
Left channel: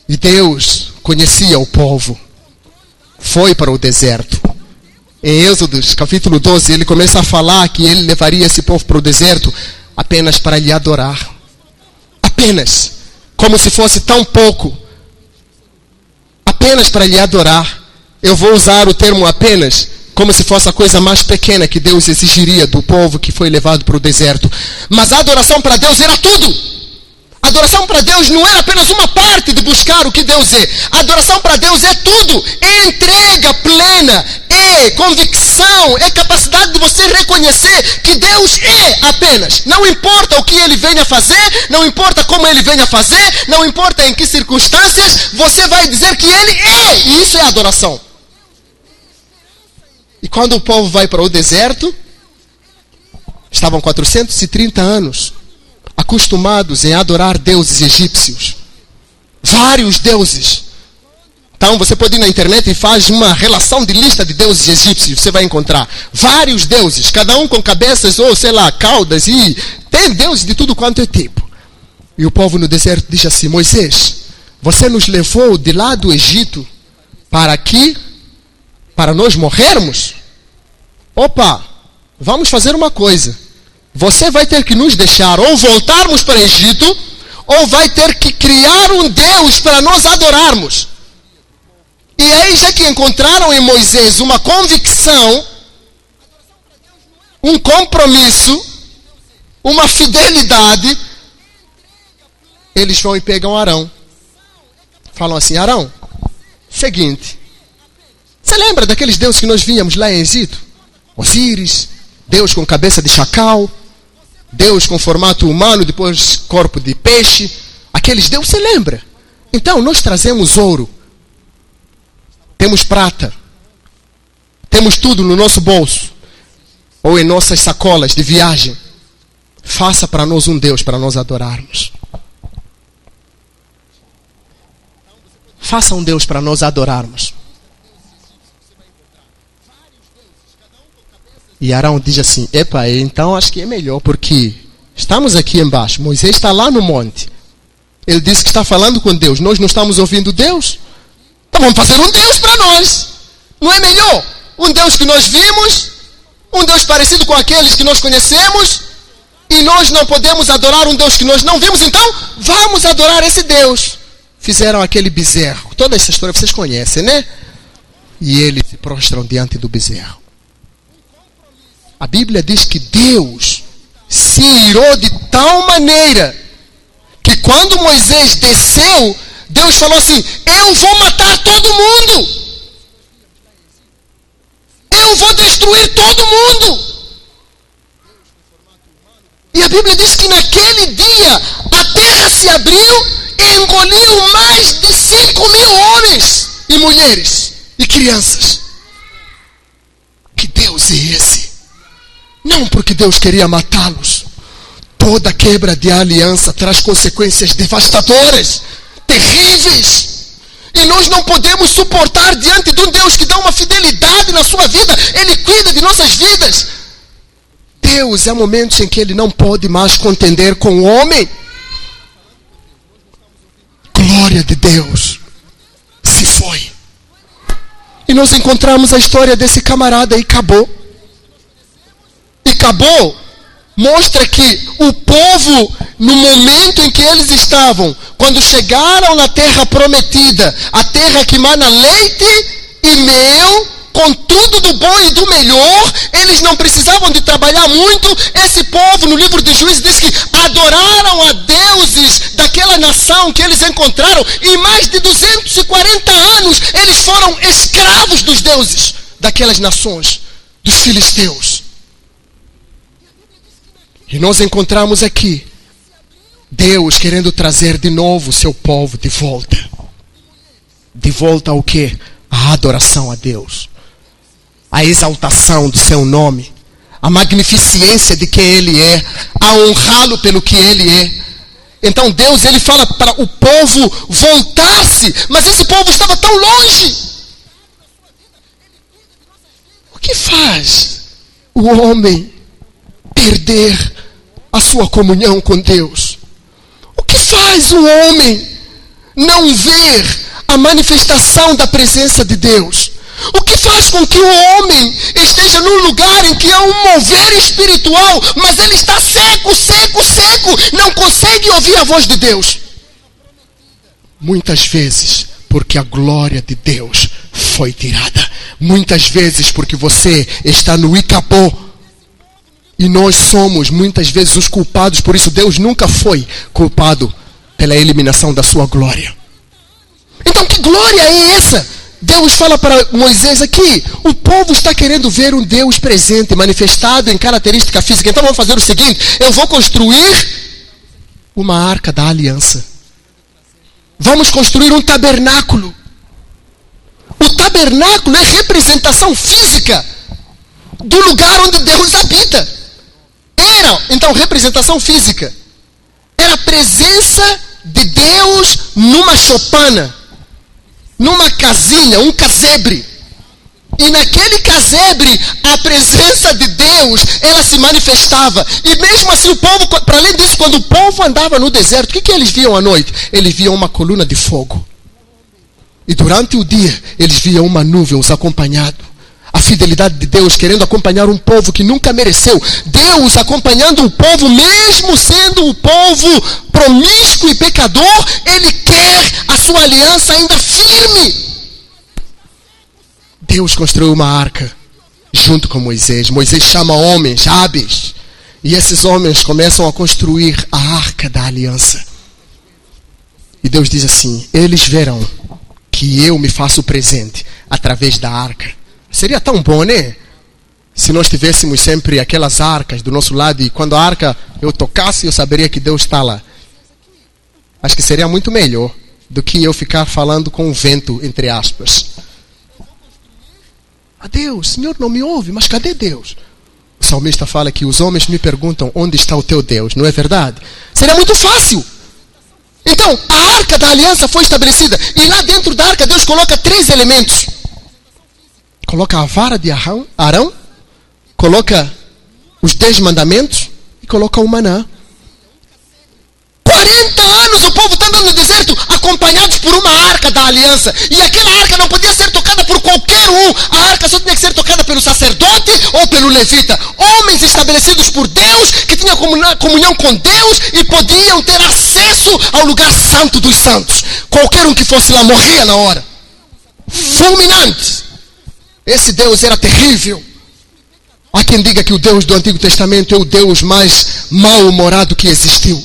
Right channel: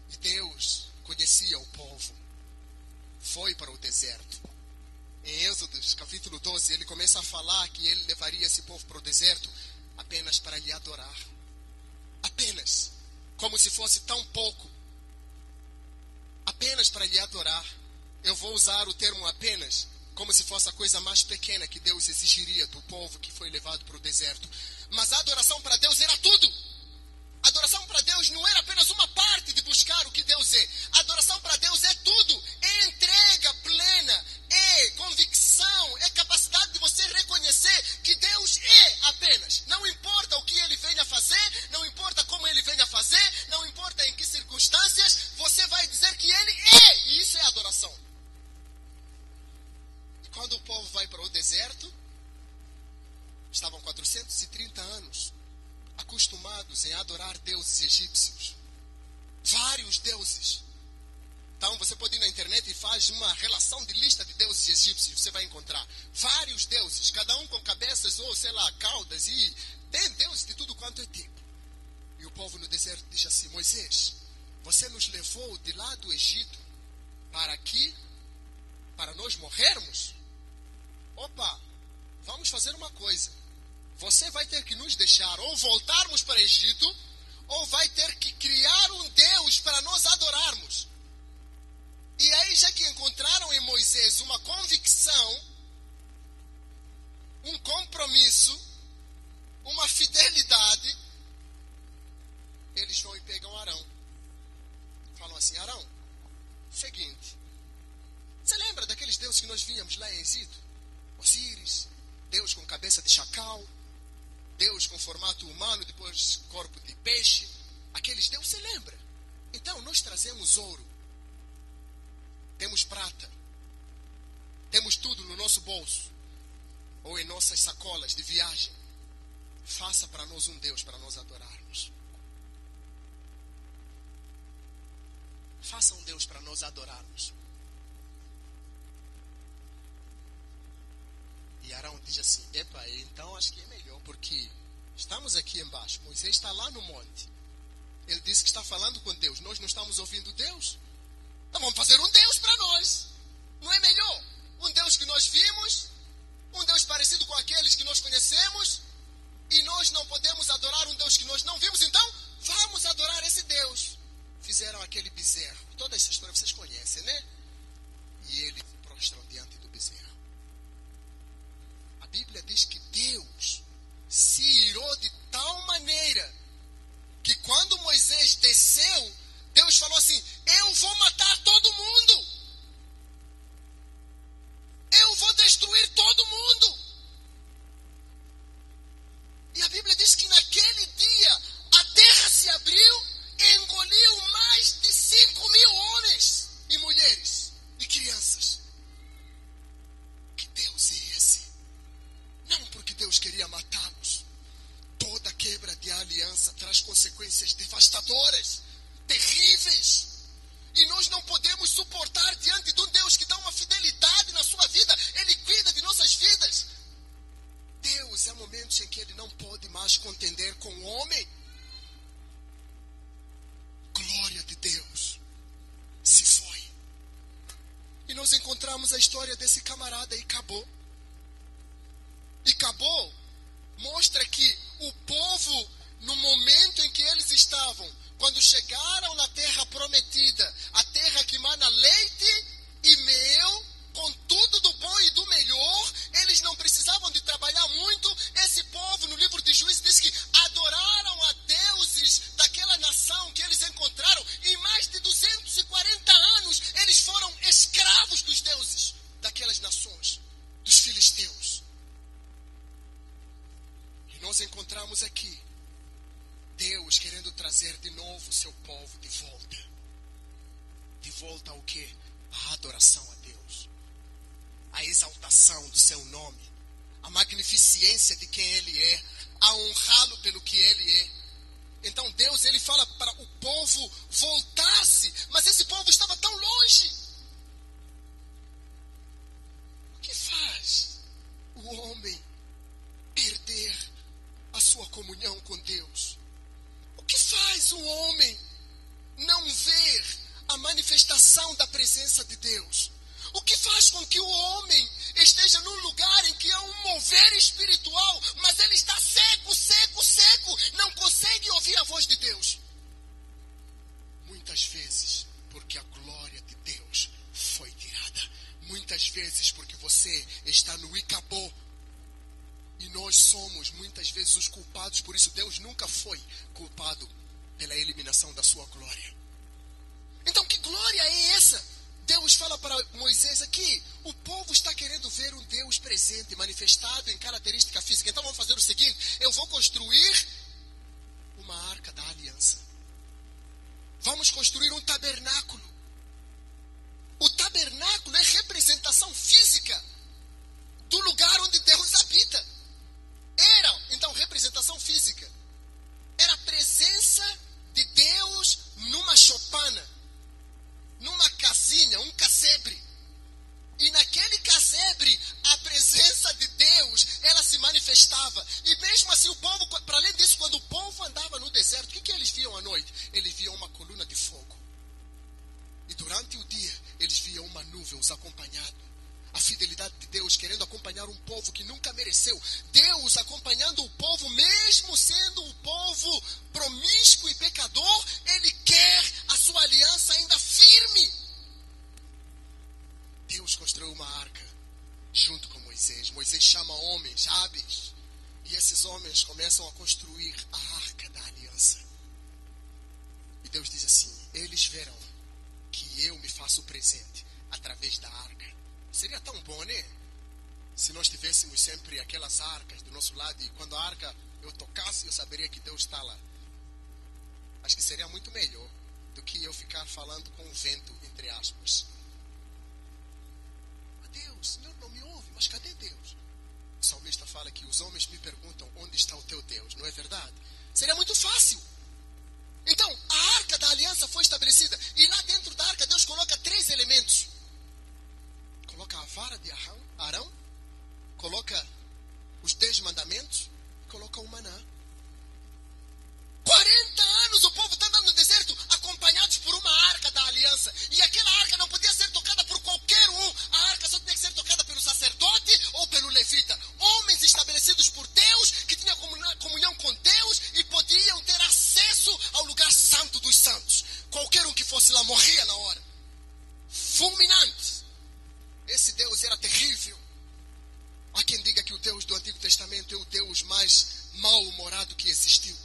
E Deus conhecia o povo. Foi para o deserto. Em Êxodos, capítulo 12, ele começa a falar que ele levaria esse povo para o deserto apenas para lhe adorar. Apenas, como se fosse tão pouco, apenas para lhe adorar. Eu vou usar o termo apenas, como se fosse a coisa mais pequena que Deus exigiria do povo que foi levado para o deserto. Mas a adoração para Deus era tudo. A adoração para Deus não era apenas uma parte de buscar o que Deus é. A adoração para Deus é tudo. É entrega plena, é convicção, é capacidade de você reconhecer que Deus é apenas. Não importa o que Ele venha fazer, não importa como Ele venha fazer, não importa em que circunstâncias, você vai dizer que Ele é. E isso é adoração. E quando o povo vai para o deserto, estavam 430 anos acostumados em adorar deuses egípcios. Vários deuses. Então você pode ir na internet e faz uma relação de lista de deuses egípcios. Você vai encontrar vários deuses, cada um com cabeças ou sei lá, caudas, e tem deuses de tudo quanto é tipo. E o povo no deserto diz assim: Moisés, você nos levou de lá do Egito para aqui, para nós morrermos? Opa, vamos fazer uma coisa. Você vai ter que nos deixar ou voltarmos para o Egito, ou vai ter que criar um Deus para nós adorarmos. E aí já que encontraram em Moisés uma convicção, um compromisso, uma fidelidade, eles vão e pegam Arão. Falam assim: Arão, seguinte, você lembra daqueles deuses que nós víamos lá em Egito? Osíris, Deus com cabeça de chacal, Deus com formato humano, depois corpo de peixe. Aqueles deuses, você lembra? Então nós trazemos ouro, temos prata, temos tudo no nosso bolso ou em nossas sacolas de viagem. Faça para nós um Deus para nós adorarmos. Faça um Deus para nós adorarmos. E Arão diz assim: epa, então acho que é melhor, porque estamos aqui embaixo, Moisés está lá no monte, ele disse que está falando com Deus, nós não estamos ouvindo Deus, então vamos fazer um Deus para nós. Não é melhor? Um Deus que nós vimos, um Deus parecido com aqueles que nós conhecemos, e nós não podemos adorar um Deus que nós não vimos, então vamos adorar esse Deus. Fizeram aquele bezerro, toda essa história vocês conhecem, né? E eles se prostram diante do bezerro. A Bíblia diz que Deus se irou de tal maneira que quando Moisés desceu, Deus falou assim: eu vou matar todo mundo. Eu vou destruir todo mundo. E a Bíblia diz que naquele dia a terra se abriu e engoliu mais de 5.000 homens e mulheres e crianças. Que Deus é esse? Não porque Deus queria matá-los. Toda quebra de aliança traz consequências devastadoras, terríveis. E nós não podemos suportar diante de um Deus que dá uma fidelidade na sua vida. Ele cuida de nossas vidas. Deus, há momentos em que Ele não pode mais contender com o homem. Glória de Deus se foi. E nós encontramos a história desse camarada e acabou. E acabou. Mostra que o povo, no momento em que eles estavam, quando chegaram na terra prometida, a terra que mana leite e mel, com tudo do bom e do melhor, eles não precisavam de trabalhar muito. Esse povo, no livro de Juízes, diz que adoraram a deuses daquela nação que eles encontraram, e mais de 240 anos eles foram escravos dos deuses daquelas nações, dos filisteus. E nós encontramos aqui Deus querendo trazer de novo o seu povo de volta. De volta ao quê? A adoração a Deus. A exaltação do seu nome. A magnificência de quem Ele é. A honrá-lo pelo que Ele é. Então Deus, Ele fala para o povo voltar-se. Mas esse povo estava tão longe. O que faz o homem perder a sua comunhão com Deus? O que faz o homem não ver a manifestação da presença de Deus? O que faz com que o homem esteja num lugar em que há um mover espiritual, mas ele está seco, não consegue ouvir a voz de Deus? Muitas vezes porque a glória de Deus foi tirada. Muitas vezes porque você está no Icabô. E nós somos muitas vezes os culpados. Por isso Deus nunca foi culpado pela eliminação da sua glória. Então que glória é essa? Deus fala para Moisés aqui: o povo está querendo ver um Deus presente, manifestado em característica física. Então vamos fazer o seguinte: eu vou construir uma arca da aliança. Vamos construir um tabernáculo. O tabernáculo é representação física do lugar onde Deus habita. Então, representação física. Era a presença de Deus numa chopana, numa casinha, um casebre. E naquele casebre, a presença de Deus, ela se manifestava. E mesmo assim o povo, para além disso, quando o povo andava no deserto, o que eles viam à noite? Eles viam uma coluna de fogo. E durante o dia, eles viam uma nuvem os acompanhando. A fidelidade de Deus querendo acompanhar um povo que nunca mereceu. Deus acompanhando o povo, mesmo sendo o povo promíscuo e pecador, Ele quer a sua aliança ainda firme. Deus construiu uma arca junto com Moisés. Moisés chama homens hábeis. E esses homens começam a construir a arca da aliança. E Deus diz assim: eles verão que eu me faço presente através da arca. Seria tão bom, né? Se nós tivéssemos sempre aquelas arcas do nosso lado, e quando a arca eu tocasse, eu saberia que Deus está lá. Acho que seria muito melhor do que eu ficar falando com o vento, entre aspas. Ah, Deus, Senhor não me ouve, mas cadê Deus? O salmista fala que os homens me perguntam: onde está o teu Deus? Não é verdade? Seria muito fácil. Então, a arca da aliança foi estabelecida. E lá dentro da arca, Deus coloca 3 elementos. Coloca a vara de Arão, coloca os 10 mandamentos e coloca o maná. 40 anos o povo está andando no deserto, acompanhados por uma arca da aliança. E aquela arca não podia ser tocada por qualquer um. A arca só tinha que ser tocada pelo sacerdote ou pelo levita. Homens estabelecidos por Deus, que tinham comunhão com Deus e podiam ter acesso ao lugar santo dos santos. Qualquer um que fosse lá morria na hora. Fulminante. Esse Deus era terrível. Há quem diga que o Deus do Antigo Testamento é o Deus mais mal-humorado que existiu.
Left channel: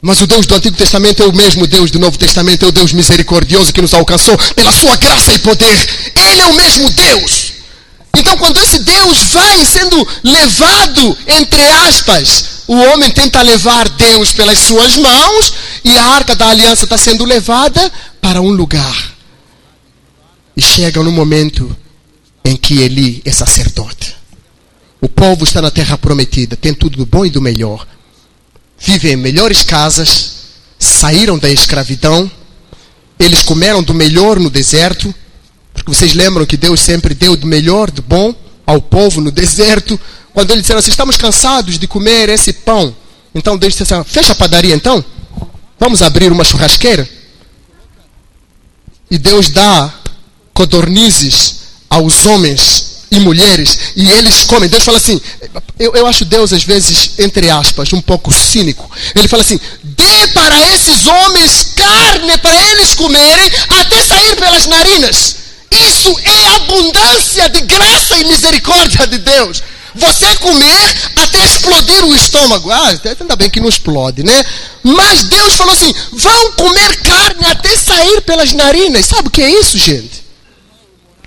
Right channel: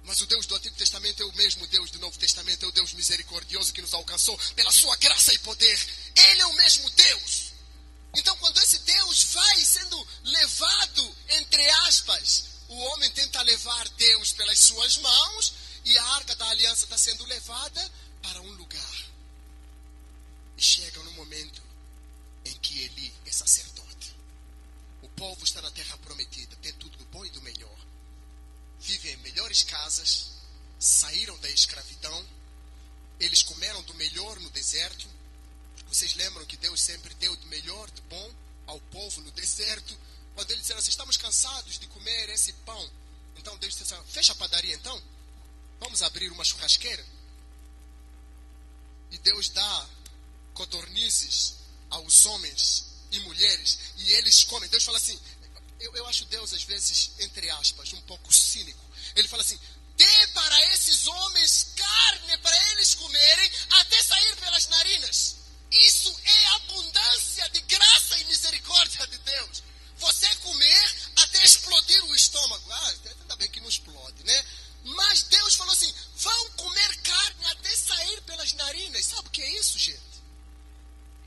Mas o Deus do Antigo Testamento é o mesmo Deus do Novo Testamento, é o Deus misericordioso que nos alcançou pela sua graça e poder. Ele é o mesmo Deus. Então, quando esse Deus vai sendo levado, entre aspas, o homem tenta levar Deus pelas suas mãos e a arca da aliança está sendo levada para um lugar. E chega no momento em que Eli é sacerdote. O povo está na terra prometida, tem tudo do bom e do melhor. Vivem em melhores casas, saíram da escravidão, eles comeram do melhor no deserto, porque vocês lembram que Deus sempre deu do melhor, do bom ao povo no deserto. Quando eles disseram assim, estamos cansados de comer esse pão. Então Deus disse assim, fecha a padaria então, vamos abrir uma churrasqueira. E Deus dá codornizes aos homens e mulheres, e eles comem. Deus fala assim, eu acho Deus às vezes, entre aspas, um pouco cínico. Ele fala assim, dê para esses homens carne para eles comerem até sair pelas narinas. Isso é abundância de graça e misericórdia de Deus. Você comer até explodir o estômago. Ainda bem que não explode, né? Mas Deus falou assim, vão comer carne até sair pelas narinas. Sabe o que é isso, gente?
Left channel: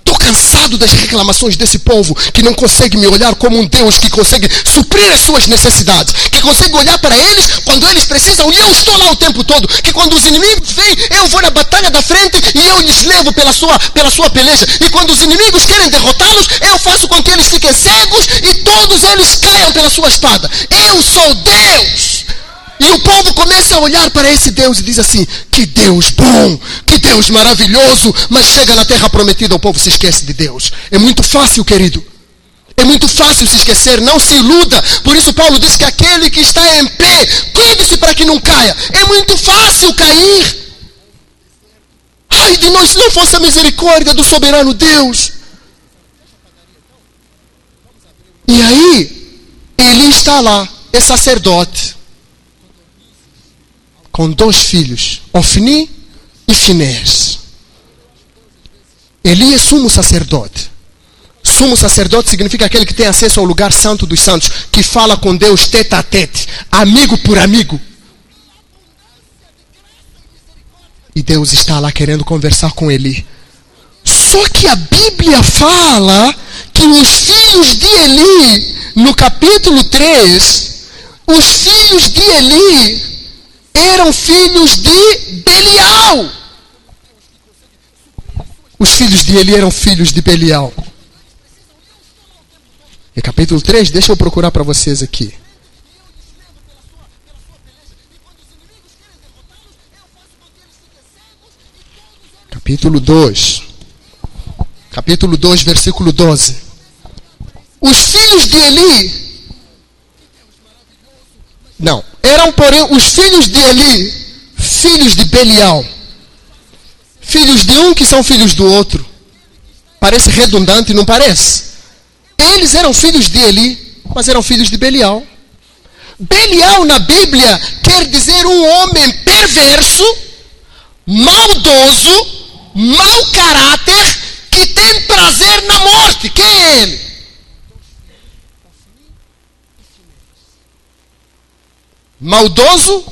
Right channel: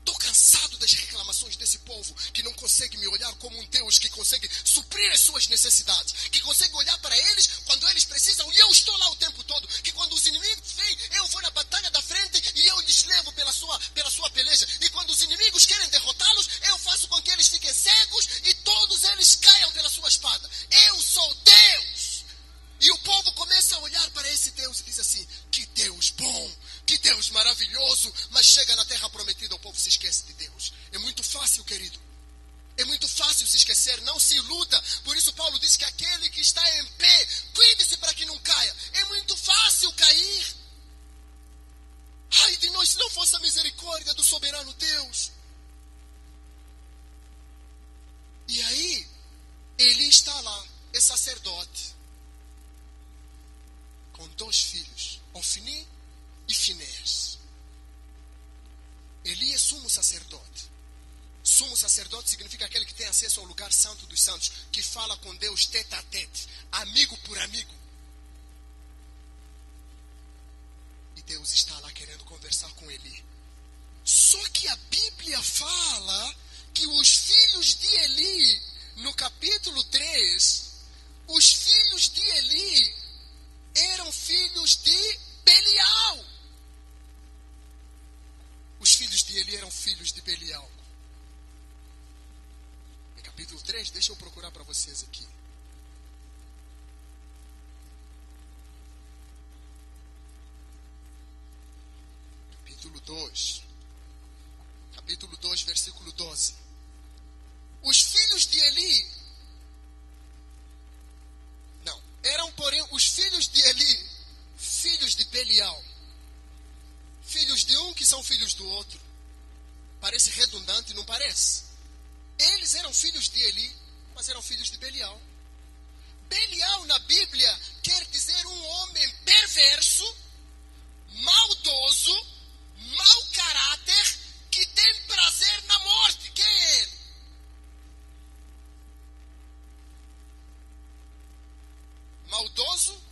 Estou cansado das reclamações desse povo que não consegue me olhar como um Deus que consegue suprir as suas necessidades, que consegue olhar para eles quando eles precisam e eu estou lá o tempo todo, que quando os inimigos vêm, eu vou na batalha da frente e eu lhes levo pela sua peleja, e quando os inimigos querem derrotá-los, eu faço com que eles fiquem cegos e todos eles caiam pela sua espada. Eu sou Deus! E o povo começa a olhar para esse Deus e diz assim, que Deus bom, que Deus maravilhoso, mas chega na terra prometida, o povo se esquece de Deus. É muito fácil, querido. É muito fácil se esquecer, não se iluda. Por isso Paulo diz que aquele que está em pé, cuide-se para que não caia. É muito fácil cair. Ai de nós se não fosse a misericórdia do soberano Deus. E aí, ele está lá, é sacerdote, com 2 filhos, Ofni e Finés. Eli é sumo sacerdote. Sumo sacerdote significa aquele que tem acesso ao lugar santo dos santos, que fala com Deus tete a tete, amigo por amigo. E Deus está lá querendo conversar com Eli. Só que a Bíblia fala que os filhos de Eli, no capítulo 3, os filhos de Eli eram filhos de Belial. Os filhos de Eli eram filhos de Belial. E capítulo 3, deixa eu procurar para vocês aqui. Capítulo 2. Capítulo 2, versículo 12. Os filhos de Eli... Não, eram porém os filhos de Eli, filhos de Belial. Filhos de um que são filhos do outro. Parece redundante, não parece? Eles eram filhos de Eli, mas eram filhos de Belial. Belial na Bíblia quer dizer um homem perverso, maldoso, mau caráter, que tem prazer na morte. Quem é ele? Maldoso,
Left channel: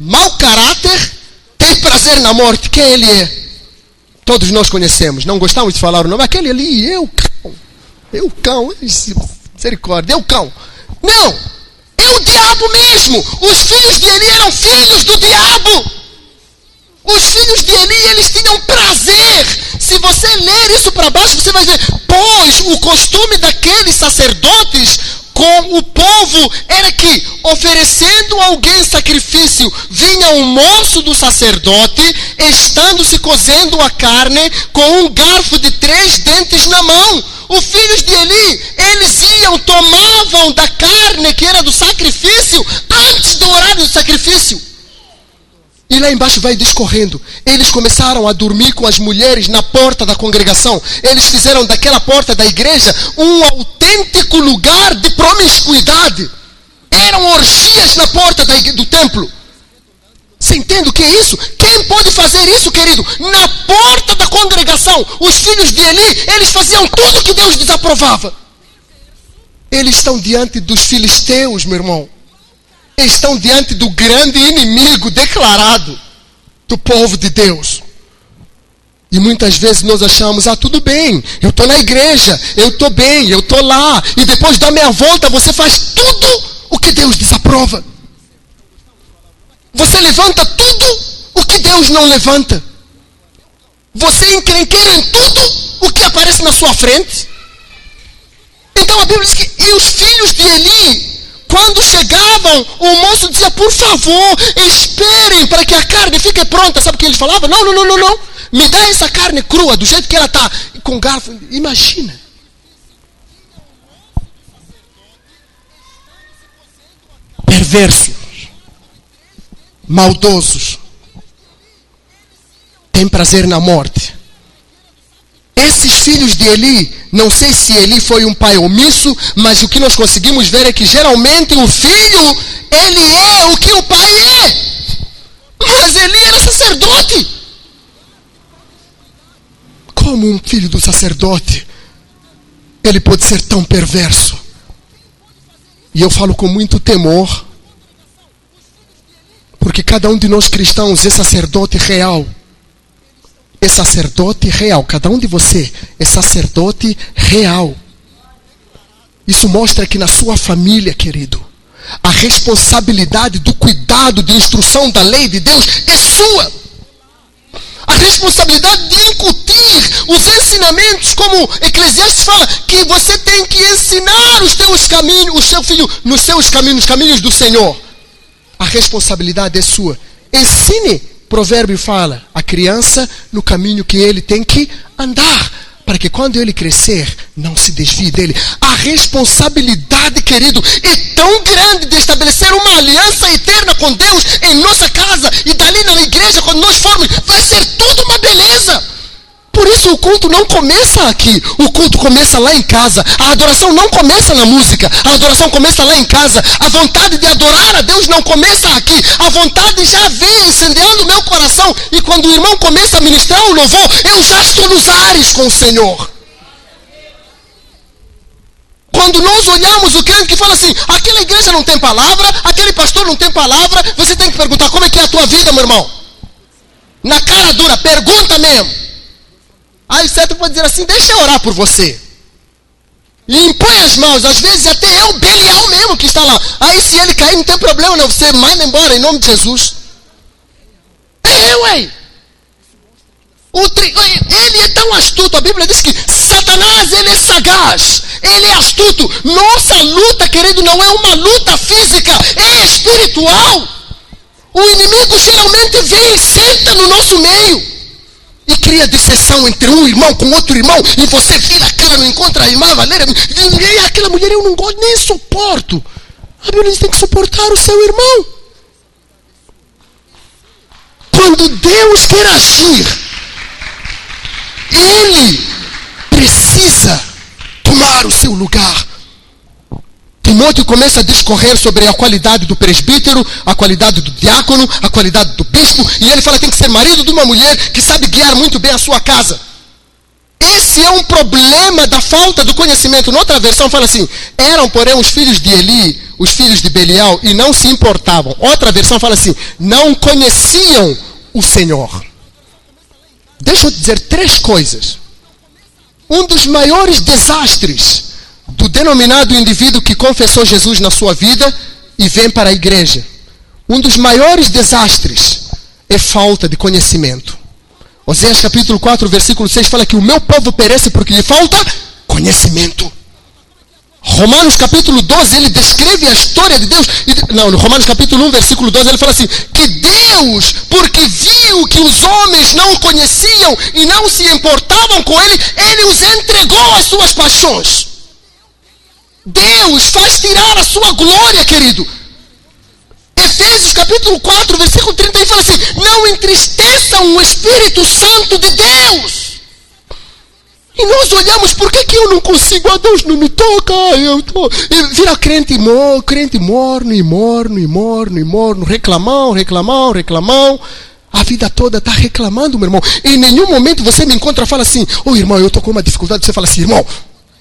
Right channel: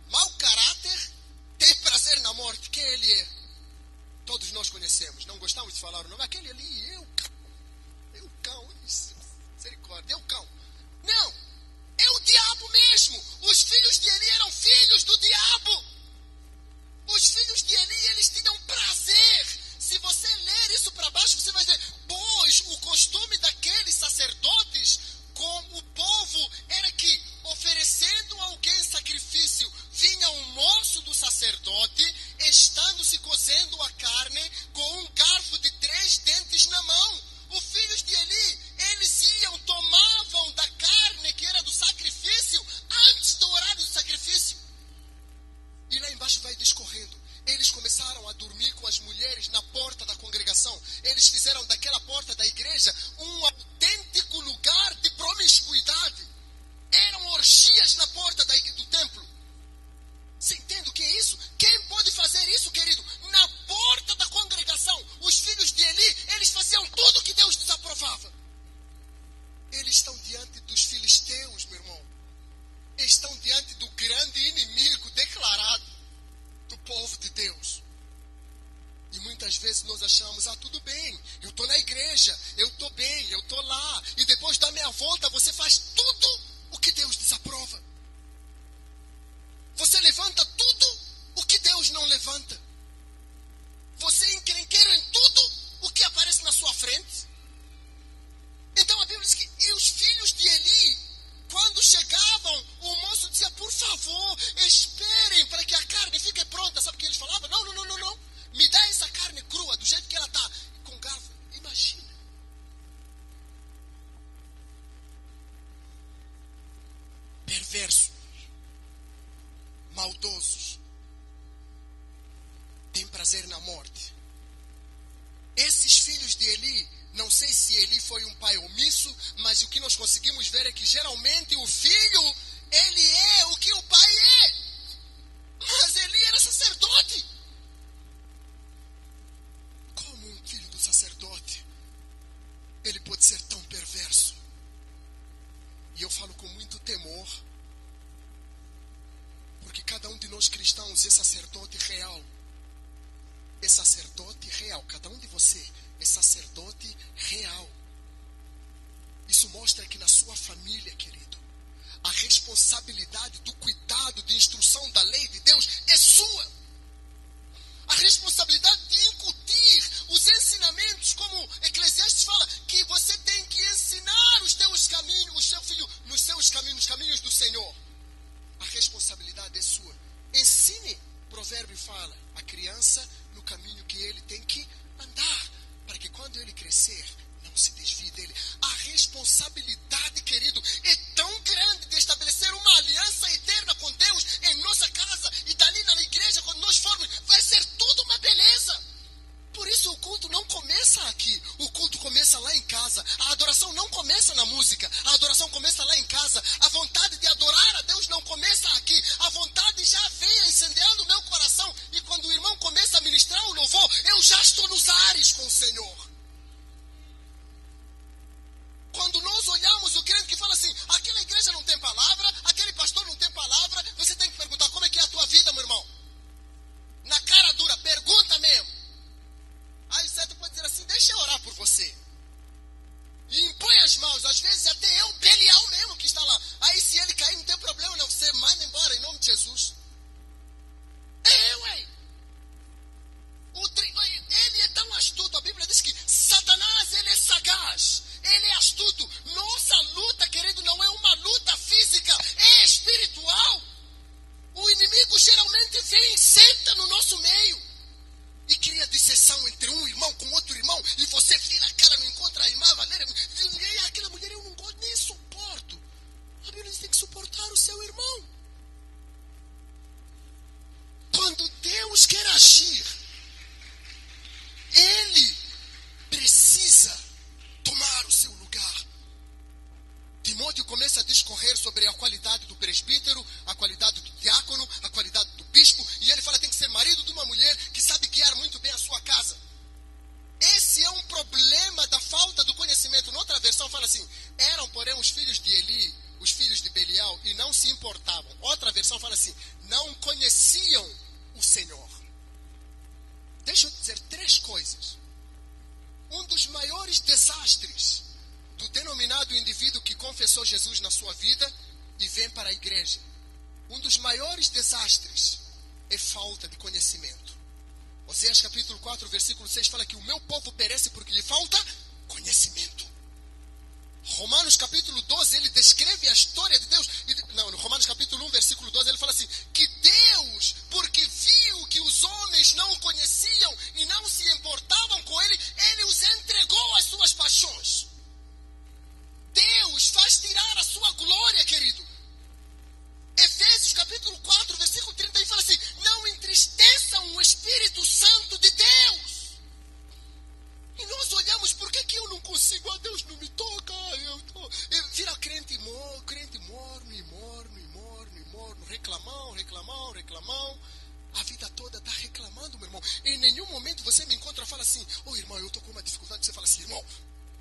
mau caráter, tem prazer na morte. Quem ele é? Todos nós conhecemos. Não gostamos de falar o nome. Aquele ali, eu cão, misericórdia, eu cão. Não, é o diabo mesmo. Os filhos de Eli eram filhos do diabo. Os filhos de Eli, eles tinham prazer. Se você ler isso para baixo, você vai ver. Pois o costume daqueles sacerdotes com o povo era que, oferecendo a alguém sacrifício, vinha um moço do sacerdote, estando-se cozendo a carne com um garfo de 3 dentes na mão. Os filhos de Eli, eles iam, tomavam da carne que era do sacrifício, antes do horário do sacrifício. E lá embaixo vai discorrendo. Eles começaram a dormir com as mulheres na porta da congregação. Eles fizeram daquela porta da igreja um autêntico lugar de promiscuidade. Eram orgias na porta do templo. Você entende o que é isso? Quem pode fazer isso, querido? Na porta da congregação. Os filhos de Eli, eles faziam tudo que Deus desaprovava. Eles estão diante dos filisteus, meu irmão. estão diante do grande inimigo declarado do povo de Deus. E muitas vezes nós achamos, tudo bem, eu estou na igreja, eu estou bem, eu estou lá. E depois da meia volta você faz tudo o que Deus desaprova. Você levanta tudo o que Deus não levanta. Você encrenqueira em tudo o que aparece na sua frente. Então a Bíblia diz que e os filhos de Eli, quando chegavam, o moço dizia, por favor, esperem para que a carne fique pronta. Sabe o que ele falava? Não. Me dá essa carne crua, do jeito que ela está. Com garfo. Imagina. Perversos. Maldosos. Tem prazer na morte. Esses filhos de Eli, não sei se Eli foi um pai omisso, mas o que nós conseguimos ver é que geralmente o filho, ele é o que o pai é. Mas Eli era sacerdote. Como um filho do sacerdote, ele pode ser tão perverso? E eu falo com muito temor, porque cada um de nós cristãos é sacerdote real. É sacerdote real. Cada um de você é sacerdote real. Isso mostra que na sua família, querido, a responsabilidade do cuidado, de instrução da lei de Deus é sua. A responsabilidade de incutir os ensinamentos, como Eclesiastes fala, que você tem que ensinar os teus caminhos, o seu filho, nos seus caminhos, nos caminhos do Senhor. A responsabilidade é sua. Ensine. Provérbio fala, a criança no caminho que ele tem que andar, para que quando ele crescer, não se desvie dele. A responsabilidade, querido, é tão grande de estabelecer uma aliança eterna com Deus em nossa casa e dali na igreja, quando nós formos, vai ser tudo uma beleza. Por isso o culto não começa aqui, o culto começa lá em casa. A adoração não começa na música, a adoração começa lá em casa. A vontade de adorar a Deus não começa aqui, a vontade já vem incendiando o meu coração. E quando o irmão começa a ministrar o louvor, eu já estou nos ares com o Senhor. Quando nós olhamos o crente que fala assim, aquela igreja não tem palavra, aquele pastor não tem palavra, você tem que perguntar, como é que é a tua vida, meu irmão? Na cara dura, pergunta mesmo. Aí certo pode dizer assim, deixa eu orar por você. E impõe as mãos, às vezes até é o Belial mesmo que está lá. Aí se ele cair não tem problema não, você manda embora em nome de Jesus. Ué. Ele é tão astuto, a Bíblia diz que Satanás, ele é sagaz, ele é astuto. Nossa luta, querido, não é uma luta física, é espiritual. O inimigo geralmente vem e senta no nosso meio. E cria dissensão entre um irmão com outro irmão. E você vira a cara, não encontra a irmã Valéria. E aquela mulher eu não gosto, nem suporto. A Bíblia diz que tem que suportar o seu irmão. Quando Deus quer agir, Ele precisa tomar o seu lugar. Timóteo começa a discorrer sobre a qualidade do presbítero, a qualidade do diácono, a qualidade do bispo, e ele fala que tem que ser marido de uma mulher que sabe guiar muito bem a sua casa. Esse é um problema da falta do conhecimento. Noutra versão fala assim, eram porém os filhos de Eli, os filhos de Belial, e não se importavam. Outra versão fala assim, não conheciam o Senhor. Deixa eu dizer 3 coisas. Um dos maiores desastres do denominado indivíduo que confessou Jesus na sua vida e vem para a igreja. Um dos maiores desastres é falta de conhecimento. Oséias capítulo 4, versículo 6 fala que o meu povo perece porque lhe falta conhecimento. Romanos capítulo 12, ele descreve a história de Deus. No Romanos capítulo 1, versículo 12, ele fala assim, que Deus, porque viu que os homens não o conheciam e não se importavam com ele, ele os entregou às suas paixões. Deus faz tirar a sua glória, querido. Efésios capítulo 4, versículo 30, fala assim, não entristeçam o Espírito Santo de Deus. E nós olhamos, por que eu não consigo? Deus não me toca. E vira crente morno, reclamão. A vida toda está reclamando, meu irmão. Em nenhum momento você me encontra e fala assim, irmão, eu estou com uma dificuldade. Você fala assim, irmão,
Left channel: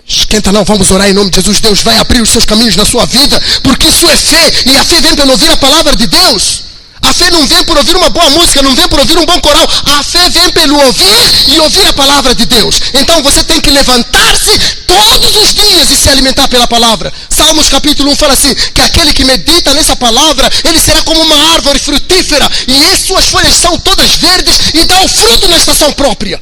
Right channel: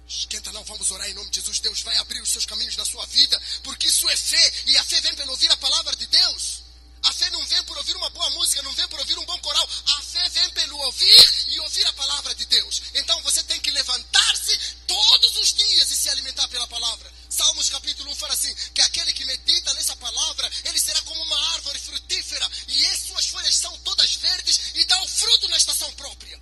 Esquenta não, vamos orar em nome de Jesus. Deus vai abrir os seus caminhos na sua vida, porque isso é fé, e a fé vem pelo ouvir a palavra de Deus. A fé não vem por ouvir uma boa música, não vem por ouvir um bom coral. A fé vem pelo ouvir e ouvir a palavra de Deus. Então você tem que levantar-se todos os dias e se alimentar pela palavra. Salmos capítulo 1 fala assim, que aquele que medita nessa palavra, ele será como uma árvore frutífera, e as suas folhas são todas verdes e dá o fruto na estação própria.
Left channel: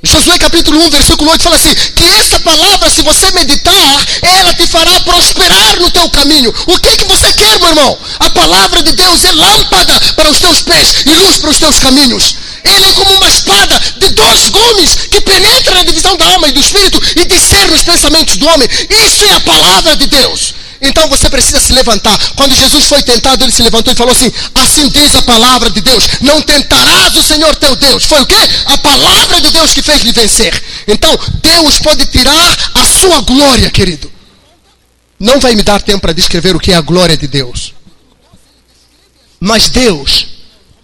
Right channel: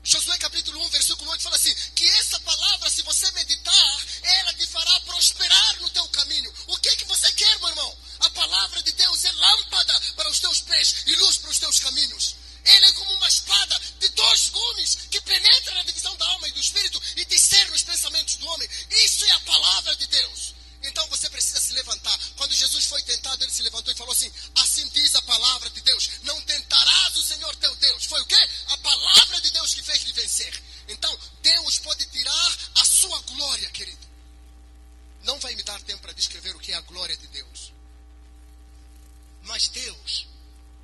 Josué capítulo 1, versículo 8 fala assim, que essa palavra, se você meditar, ela te fará prosperar no teu caminho. O que você quer, meu irmão? A palavra de Deus é lâmpada para os teus pés e luz para os teus caminhos. Ele é como uma espada de 2 gumes que penetra na divisão da alma e do espírito e discerne os pensamentos do homem. Isso é a palavra de Deus. Então você precisa se levantar. Quando Jesus foi tentado, ele se levantou e falou assim, assim diz a palavra de Deus, não tentarás o Senhor teu Deus. Foi o quê? A palavra de Deus que fez lhe vencer. Então Deus pode tirar a sua glória, querido. Não vai me dar tempo para descrever o que é a glória de Deus, mas Deus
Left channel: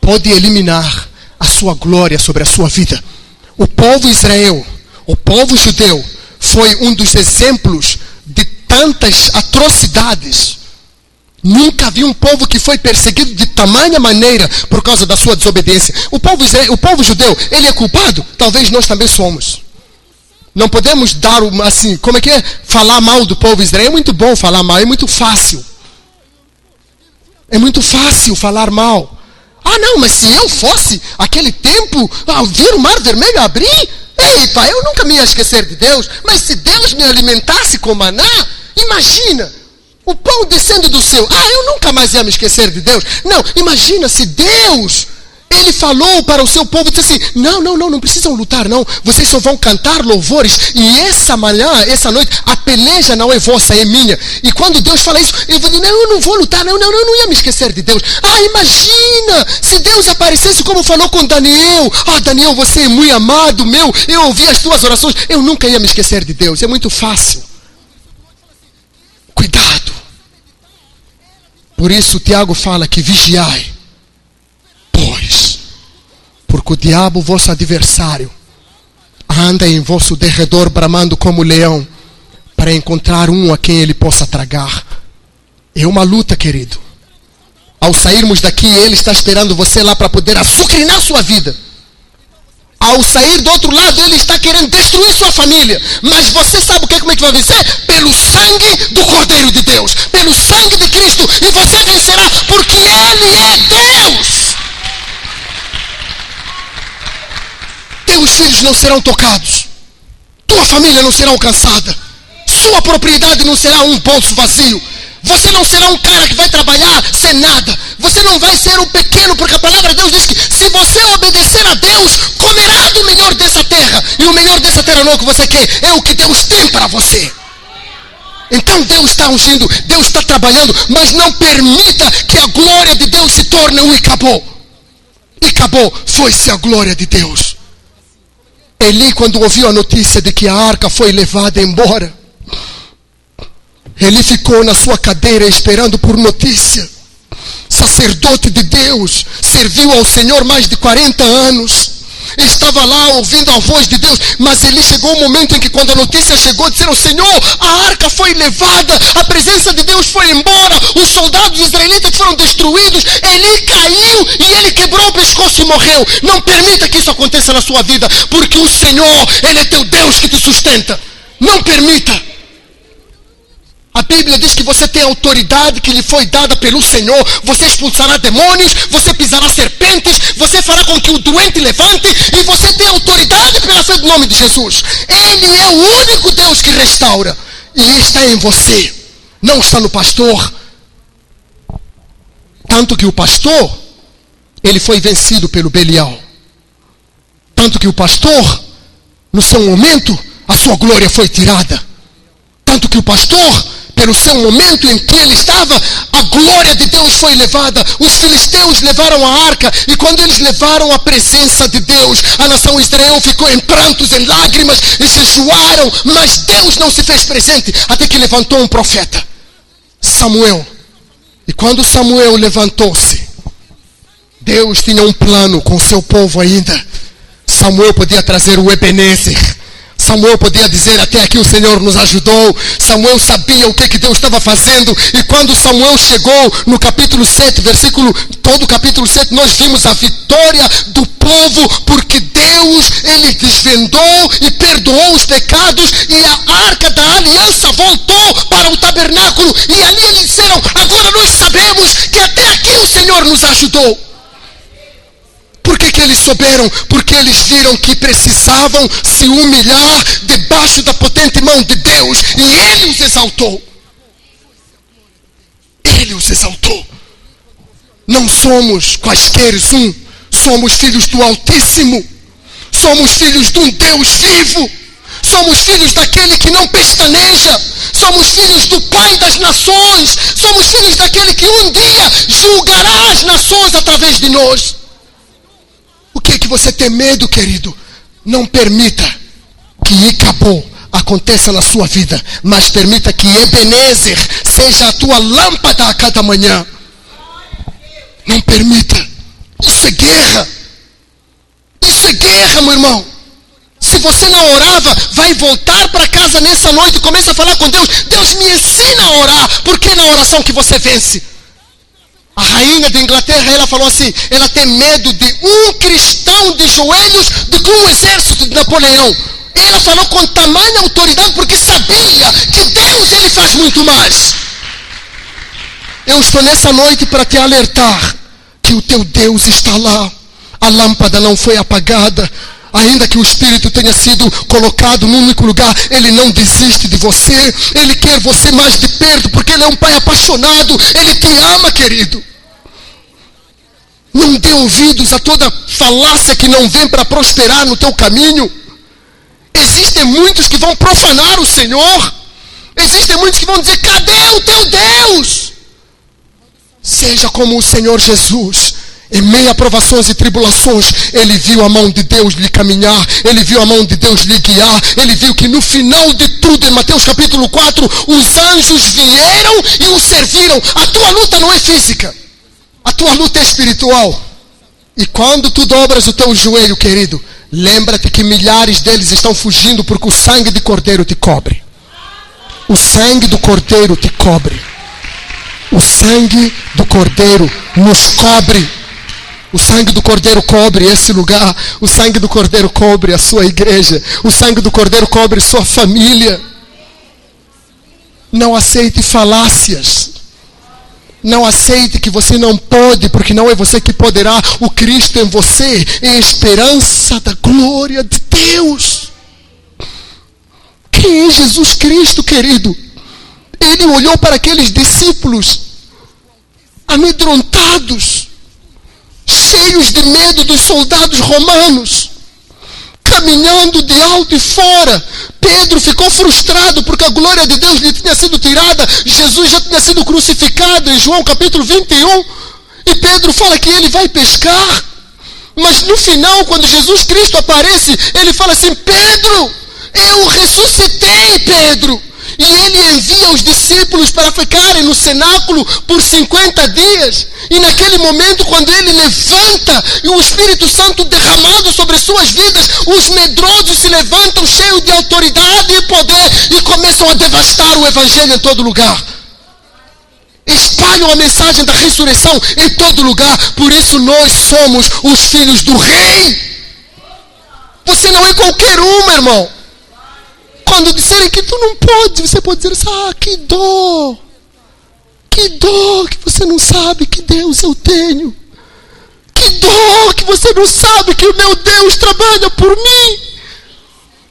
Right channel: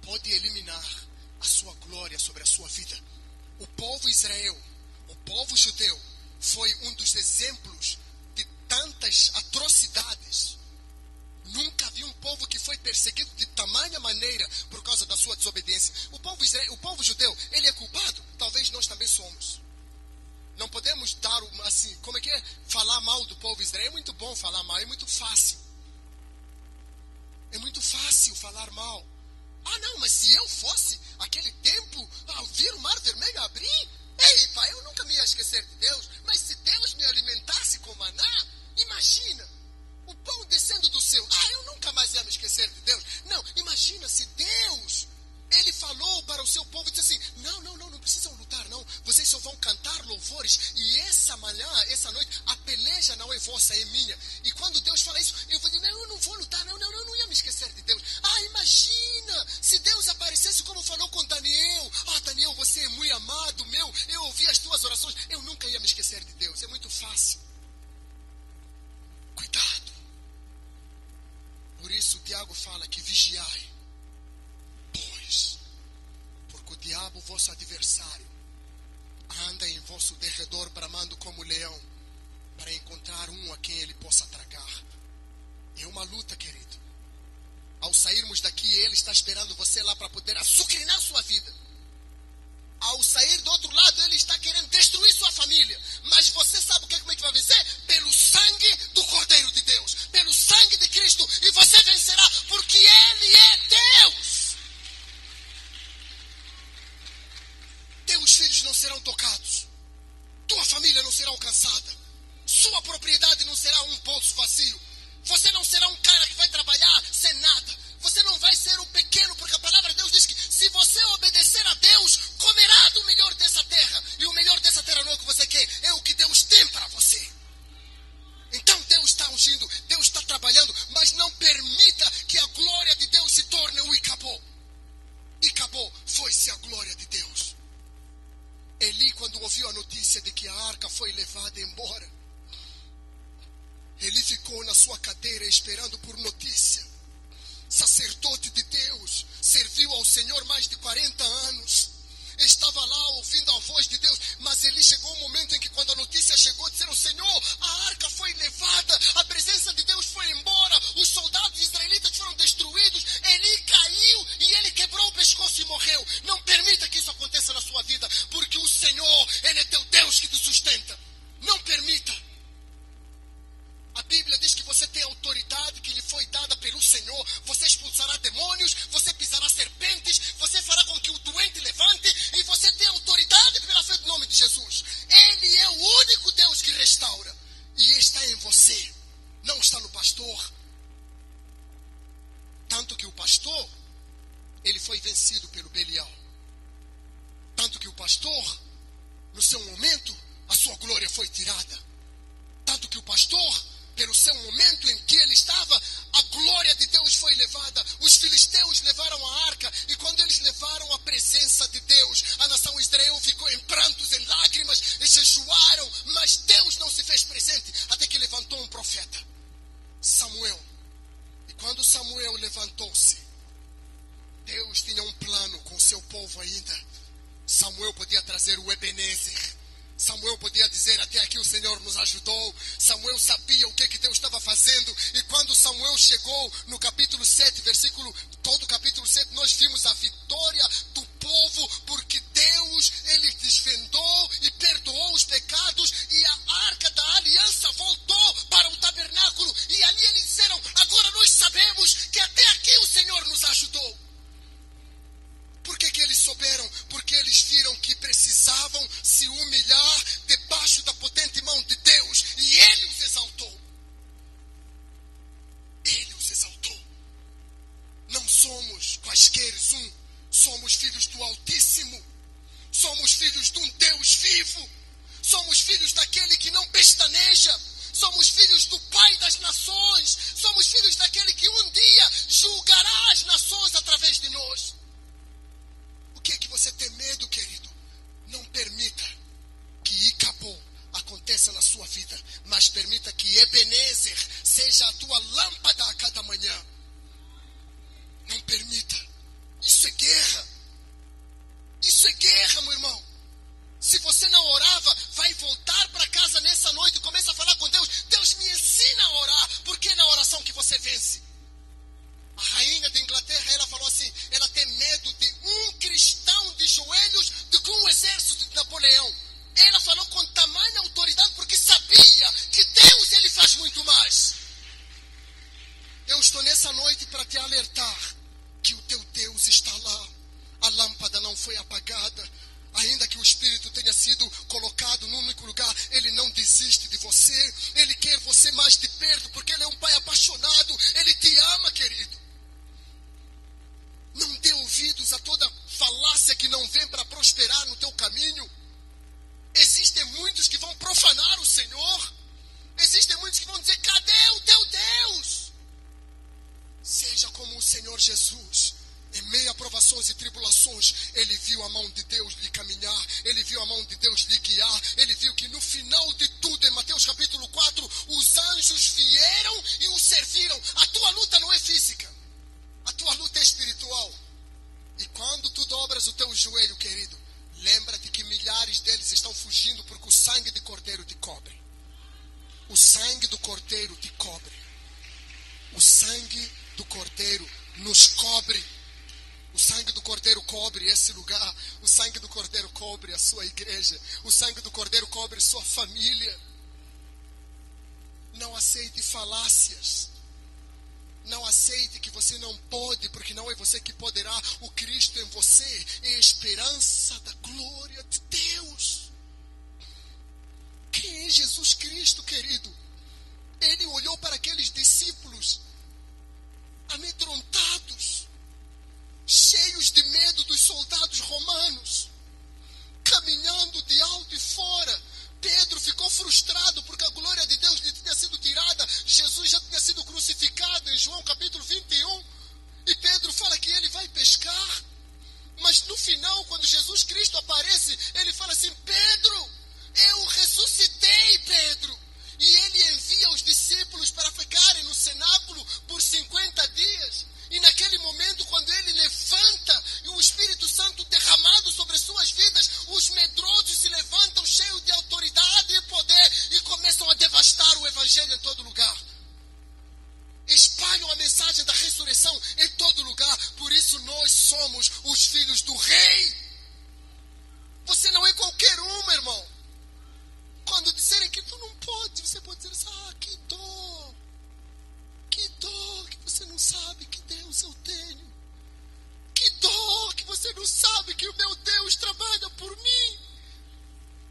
pode eliminar a sua glória sobre a sua vida. O povo Israel, o povo judeu, foi um dos exemplos de tantas atrocidades. Nunca vi um povo que foi perseguido de tamanha maneira por causa da sua desobediência. O povo judeu, ele é culpado? Talvez nós também somos. Não podemos dar assim, como é que é? Falar mal do povo Israel é muito bom falar mal, é muito fácil. É muito fácil falar mal. Ah não, mas se eu fosse aquele tempo, ver o mar vermelho abrir, eita, eu nunca me ia esquecer de Deus. Mas se Deus me alimentasse com maná, imagina, o pão descendo do céu. Eu nunca mais ia me esquecer de Deus. Não, imagina se Deus, ele falou para o seu povo, disse assim, não precisam lutar não. Vocês só vão cantar louvores. E essa manhã, essa noite, a peleja não é vossa, é minha. E quando Deus fala isso, eu vou dizer, não, eu não vou lutar, não ia me esquecer de Deus. Imagina, se Deus aparecesse como falou com Daniel. Daniel, você é muito amado meu, eu ouvi as tuas orações. Eu nunca ia me esquecer de Deus, é muito fácil. Cuidado. Por isso Tiago fala que vigiai, pois, porque o diabo, vosso adversário, anda em vosso derredor bramando como leão, para encontrar um a quem ele possa tragar. É uma luta, querido. Ao sairmos daqui, ele está esperando você lá para poder açucrinar sua vida. Ao sair do outro lado, ele está querendo destruir sua família. Mas você sabe como é que vai vencer? Pelo sangue do Cordeiro de Deus, pelo sangue de Cristo. E você vencerá, porque Ele é Deus. Teus filhos não serão tocados, tua família não será alcançada, sua propriedade não será um bolso vazio. Você não será um cara que vai trabalhar sem nada. Você não vai ser um pequeno, porque a palavra de Deus diz que se você obedecer a Deus, comerá do melhor dessa terra. E o melhor dessa terra não é o que você quer, é o que Deus tem para você. Então Deus está ungindo, Deus está trabalhando, mas não permita que a glória de Deus se torne um Icabô. Icabô foi-se a glória de Deus. Eli, quando ouviu a notícia de que a arca foi levada embora, ele ficou na sua cadeira esperando por notícia. Sacerdote de Deus, serviu ao Senhor mais de 40 anos. Estava lá ouvindo a voz de Deus. Mas ele chegou um momento em que, quando a notícia chegou, disseram: Senhor, a arca foi levada, a presença de Deus foi embora, os soldados israelitas foram destruídos. Ele caiu e ele quebrou o pescoço e morreu. Não permita que isso aconteça na sua vida, porque o Senhor, Ele é teu Deus que te sustenta. Não permita. A Bíblia diz que você tem autoridade que lhe foi dada pelo Senhor. Você expulsará demônios, você pisará serpentes, você fará com que o doente levante, e você tem autoridade pela fé do nome de Jesus. Ele é o único Deus que restaura, e está em você, não está no pastor. Tanto que o pastor, ele foi vencido pelo Belial. Tanto que o pastor, no seu momento, a sua glória foi tirada. Tanto que o pastor, pelo seu momento em que ele estava, a glória de Deus foi levada. Os filisteus levaram a arca, e quando eles levaram a presença de Deus, a nação Israel ficou em prantos, em lágrimas, e jejuaram, mas Deus não se fez presente, até que levantou um profeta, Samuel. E quando Samuel levantou-se, Deus tinha um plano com o seu povo ainda. Samuel podia trazer o Ebenezer, Samuel podia dizer: até aqui o Senhor nos ajudou. Samuel sabia o que Deus estava fazendo. E quando Samuel chegou no capítulo 7, todo o capítulo 7, nós vimos a vitória do povo, porque Deus, Ele desvendou e perdoou os pecados, e a arca da aliança voltou para o tabernáculo, e ali eles disseram: agora nós sabemos que até aqui o Senhor nos ajudou. Por que eles souberam? Porque eles viram que precisavam se humilhar debaixo da potente mão de Deus, e Ele os exaltou. Ele os exaltou. Não somos quaisquer somos filhos do Altíssimo. Somos filhos de um Deus vivo. Somos filhos daquele que não pestaneja. Somos filhos do Pai das nações. Somos filhos daquele que um dia julgará as nações através de nós. O que é que você tem medo, querido? Não permita que Icabod aconteça na sua vida, mas permita que Ebenezer seja a tua lâmpada a cada manhã. Não permita. Isso é guerra. Isso é guerra, meu irmão. Se você não orava, vai voltar para casa nessa noite e começa a falar com Deus. Deus, me ensina a orar, porque é na oração que você vence. A rainha da Inglaterra, ela falou assim: ela tem medo de um cristão de joelhos do que um exército de Napoleão. Ela falou com tamanha autoridade, porque sabia que Deus, Ele faz muito mais. Eu estou nessa noite para te alertar que o teu Deus está lá. A lâmpada não foi apagada. Ainda que o Espírito tenha sido colocado num único lugar, Ele não desiste de você. Ele quer você mais de perto, porque Ele é um Pai apaixonado. Ele te ama, querido. Não dê ouvidos a toda falácia que não vem para prosperar no teu caminho. Existem muitos que vão profanar o Senhor. Existem muitos que vão dizer: cadê o teu Deus? Seja como o Senhor Jesus. Em meio a provações e tribulações, Ele viu a mão de Deus lhe caminhar. Ele viu a mão de Deus lhe guiar. Ele viu que no final de tudo, em Mateus capítulo 4, os anjos vieram e o serviram. A tua luta não é física. A tua luta é espiritual. E quando tu dobras o teu joelho, querido, lembra-te que milhares deles estão fugindo, porque o sangue de Cordeiro te cobre. O sangue do Cordeiro te cobre. O sangue do Cordeiro nos cobre. O sangue do Cordeiro cobre esse lugar. O sangue do Cordeiro cobre a sua igreja. O sangue do Cordeiro cobre sua família. Não aceite falácias. Não aceite que você não pode, porque não é você que poderá. O Cristo em você é a esperança da glória de Deus. Quem é Jesus Cristo, querido? Ele olhou para aqueles discípulos amedrontados, cheios de medo dos soldados romanos, caminhando de alto e fora. Pedro ficou frustrado porque a glória de Deus lhe tinha sido tirada. Jesus já tinha sido crucificado em João capítulo 21. E Pedro fala que ele vai pescar. Mas no final, quando Jesus Cristo aparece, ele fala assim: Pedro, eu ressuscitei, Pedro. E ele envia os discípulos para ficarem no cenáculo por 50 dias. E naquele momento, quando ele levanta e o Espírito Santo derramado sobre suas vidas, os medrosos se levantam cheios de autoridade e poder e começam a devastar o Evangelho em todo lugar. Espalham a mensagem da ressurreição em todo lugar. Por isso nós somos os filhos do Rei. Você não é qualquer um, meu irmão. Quando disserem que tu não pode, você pode dizer assim: ah, que dó. Que dó que você não sabe que Deus eu tenho. Que dó que você não sabe que o meu Deus trabalha por mim.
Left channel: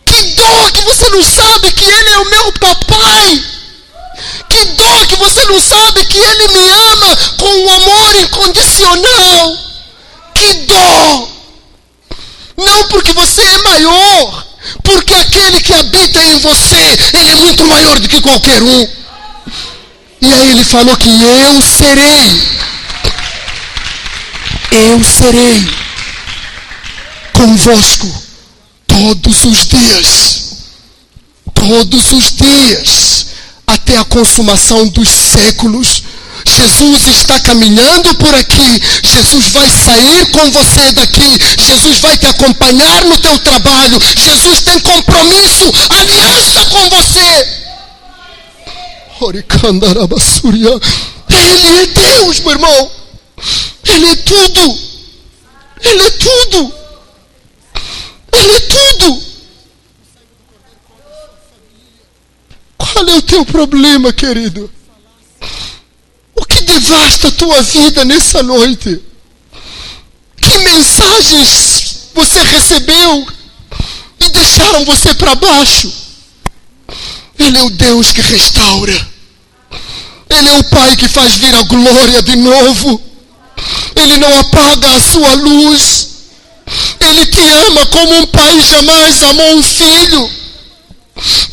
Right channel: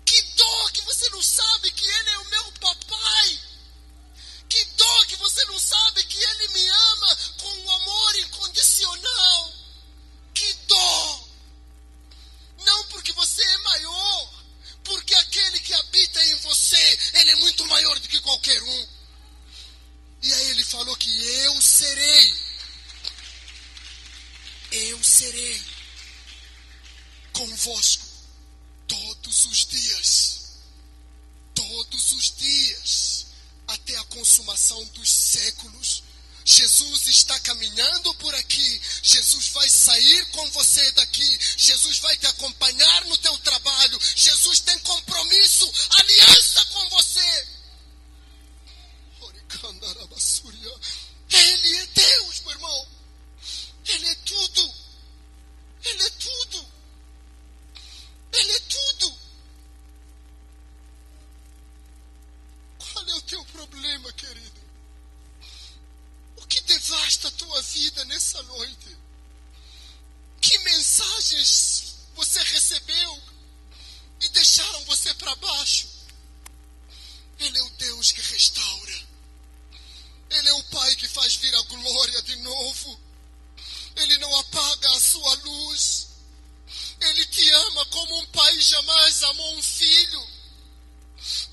Que dó que você não sabe que Ele é o meu papai. Que dó que você não sabe que Ele me ama com um amor incondicional. Que dó. Não porque você é maior, porque aquele que habita em você, Ele é muito maior do que qualquer um. E aí Ele falou que eu serei convosco todos os dias, até a consumação dos séculos. Jesus está caminhando por aqui. Jesus vai sair com você daqui. Jesus vai te acompanhar no teu trabalho. Jesus tem compromisso, aliança com você. Ele é Deus, meu irmão. Ele é tudo. Ele é tudo. Ele é tudo. Qual é o teu problema, querido? O que devasta a tua vida nessa noite? Que mensagens você recebeu e deixaram você para baixo? Ele é o Deus que restaura. Ele é o Pai que faz vir a glória de novo. Ele não apaga a sua luz. Ele te ama como um pai jamais amou um filho.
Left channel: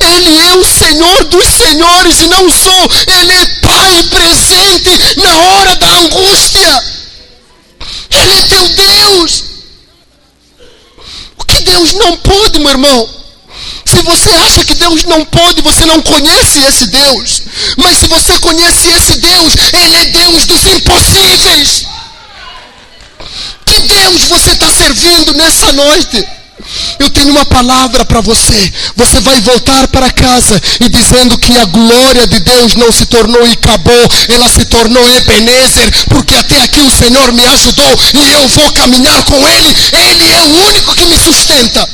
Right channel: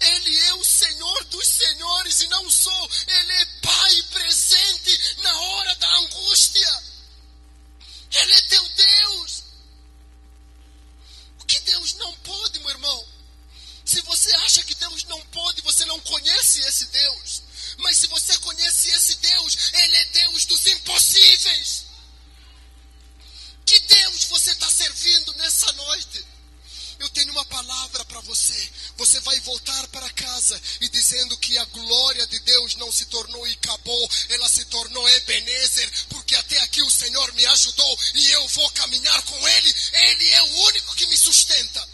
Ele é o Senhor dos senhores e não só. Ele é Pai presente na hora da angústia. Ele é teu Deus. O que Deus não pode, meu irmão? Se você acha que Deus não pode, você não conhece esse Deus. Mas se você conhece esse Deus, Ele é Deus dos impossíveis. Que Deus você está servindo nessa noite? Eu tenho uma palavra para você. Você vai voltar para casa e dizendo que a glória de Deus não se tornou e acabou. Ela se tornou Ebenezer, porque até aqui o Senhor me ajudou e eu vou caminhar com Ele. Ele é o único que me sustenta.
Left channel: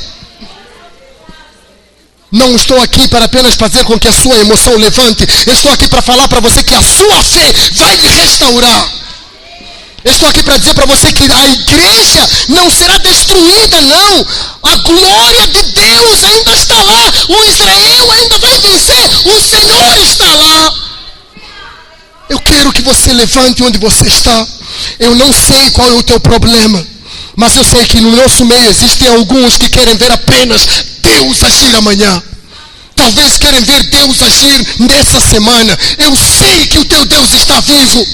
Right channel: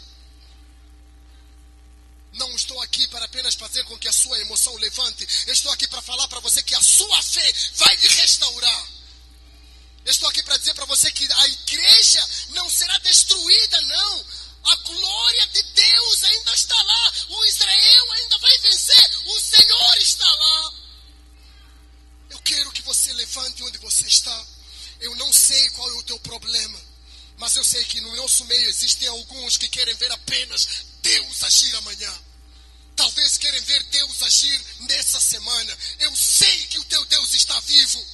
Não estou aqui para apenas fazer com que a sua emoção levante. Eu estou aqui para falar para você que a sua fé vai lhe restaurar. Eu estou aqui para dizer para você que a igreja não será destruída, não. A glória de Deus ainda está lá. O Israel ainda vai vencer. O Senhor está lá. Eu quero que você levante onde você está. Eu não sei qual é o teu problema, mas eu sei que no nosso meio existem alguns que querem ver apenas Deus agir amanhã. Talvez querem ver Deus agir nessa semana. Eu sei que o teu Deus está vivo.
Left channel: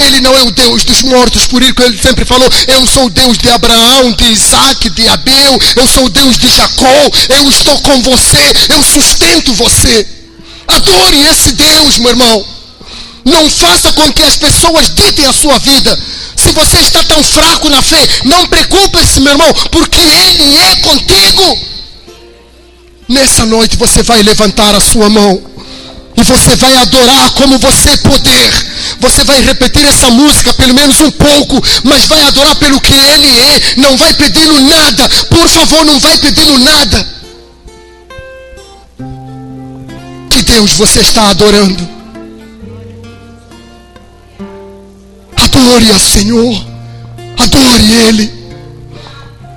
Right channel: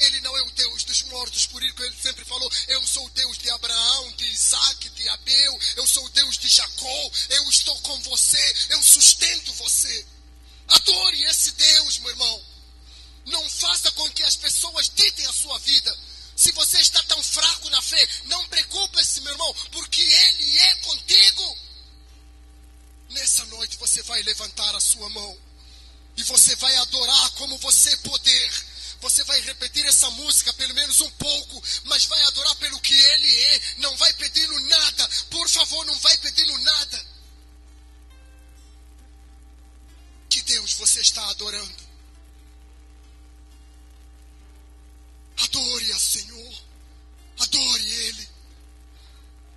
Ele não é o Deus dos mortos, por isso que ele sempre falou: eu sou o Deus de Abraão, de Isaac, de Abel, eu sou o Deus de Jacó, eu estou com você, eu sustento você. Adore esse Deus, meu irmão. Não faça com que as pessoas ditem a sua vida. Se você está tão fraco na fé, não preocupe-se, meu irmão, porque Ele é contigo. Nessa noite você vai levantar a sua mão e você vai adorar como você puder. Você vai repetir essa música pelo menos um pouco, mas vai adorar pelo que Ele é. Não vai pedi-lo nada. Por favor, não vai pedi-lo nada. Que Deus você está adorando? Adore ao Senhor. Adore Ele.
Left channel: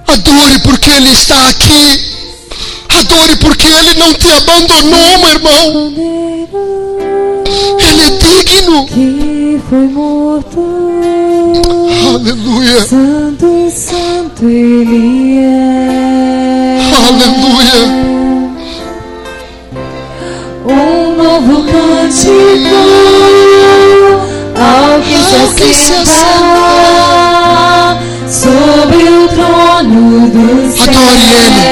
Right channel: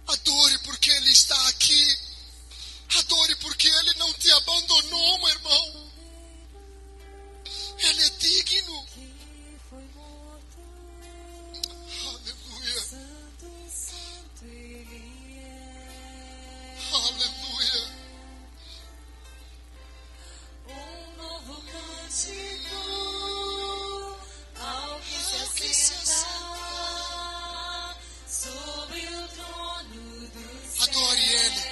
Adore porque Ele está aqui. Adore porque Ele não te abandonou, meu irmão. Ele é digno. Que foi morto. Aleluia. Santo, santo Ele é. Aleluia. Um novo cântico ao que se assenta sobre o trono do céu. Adore Ele.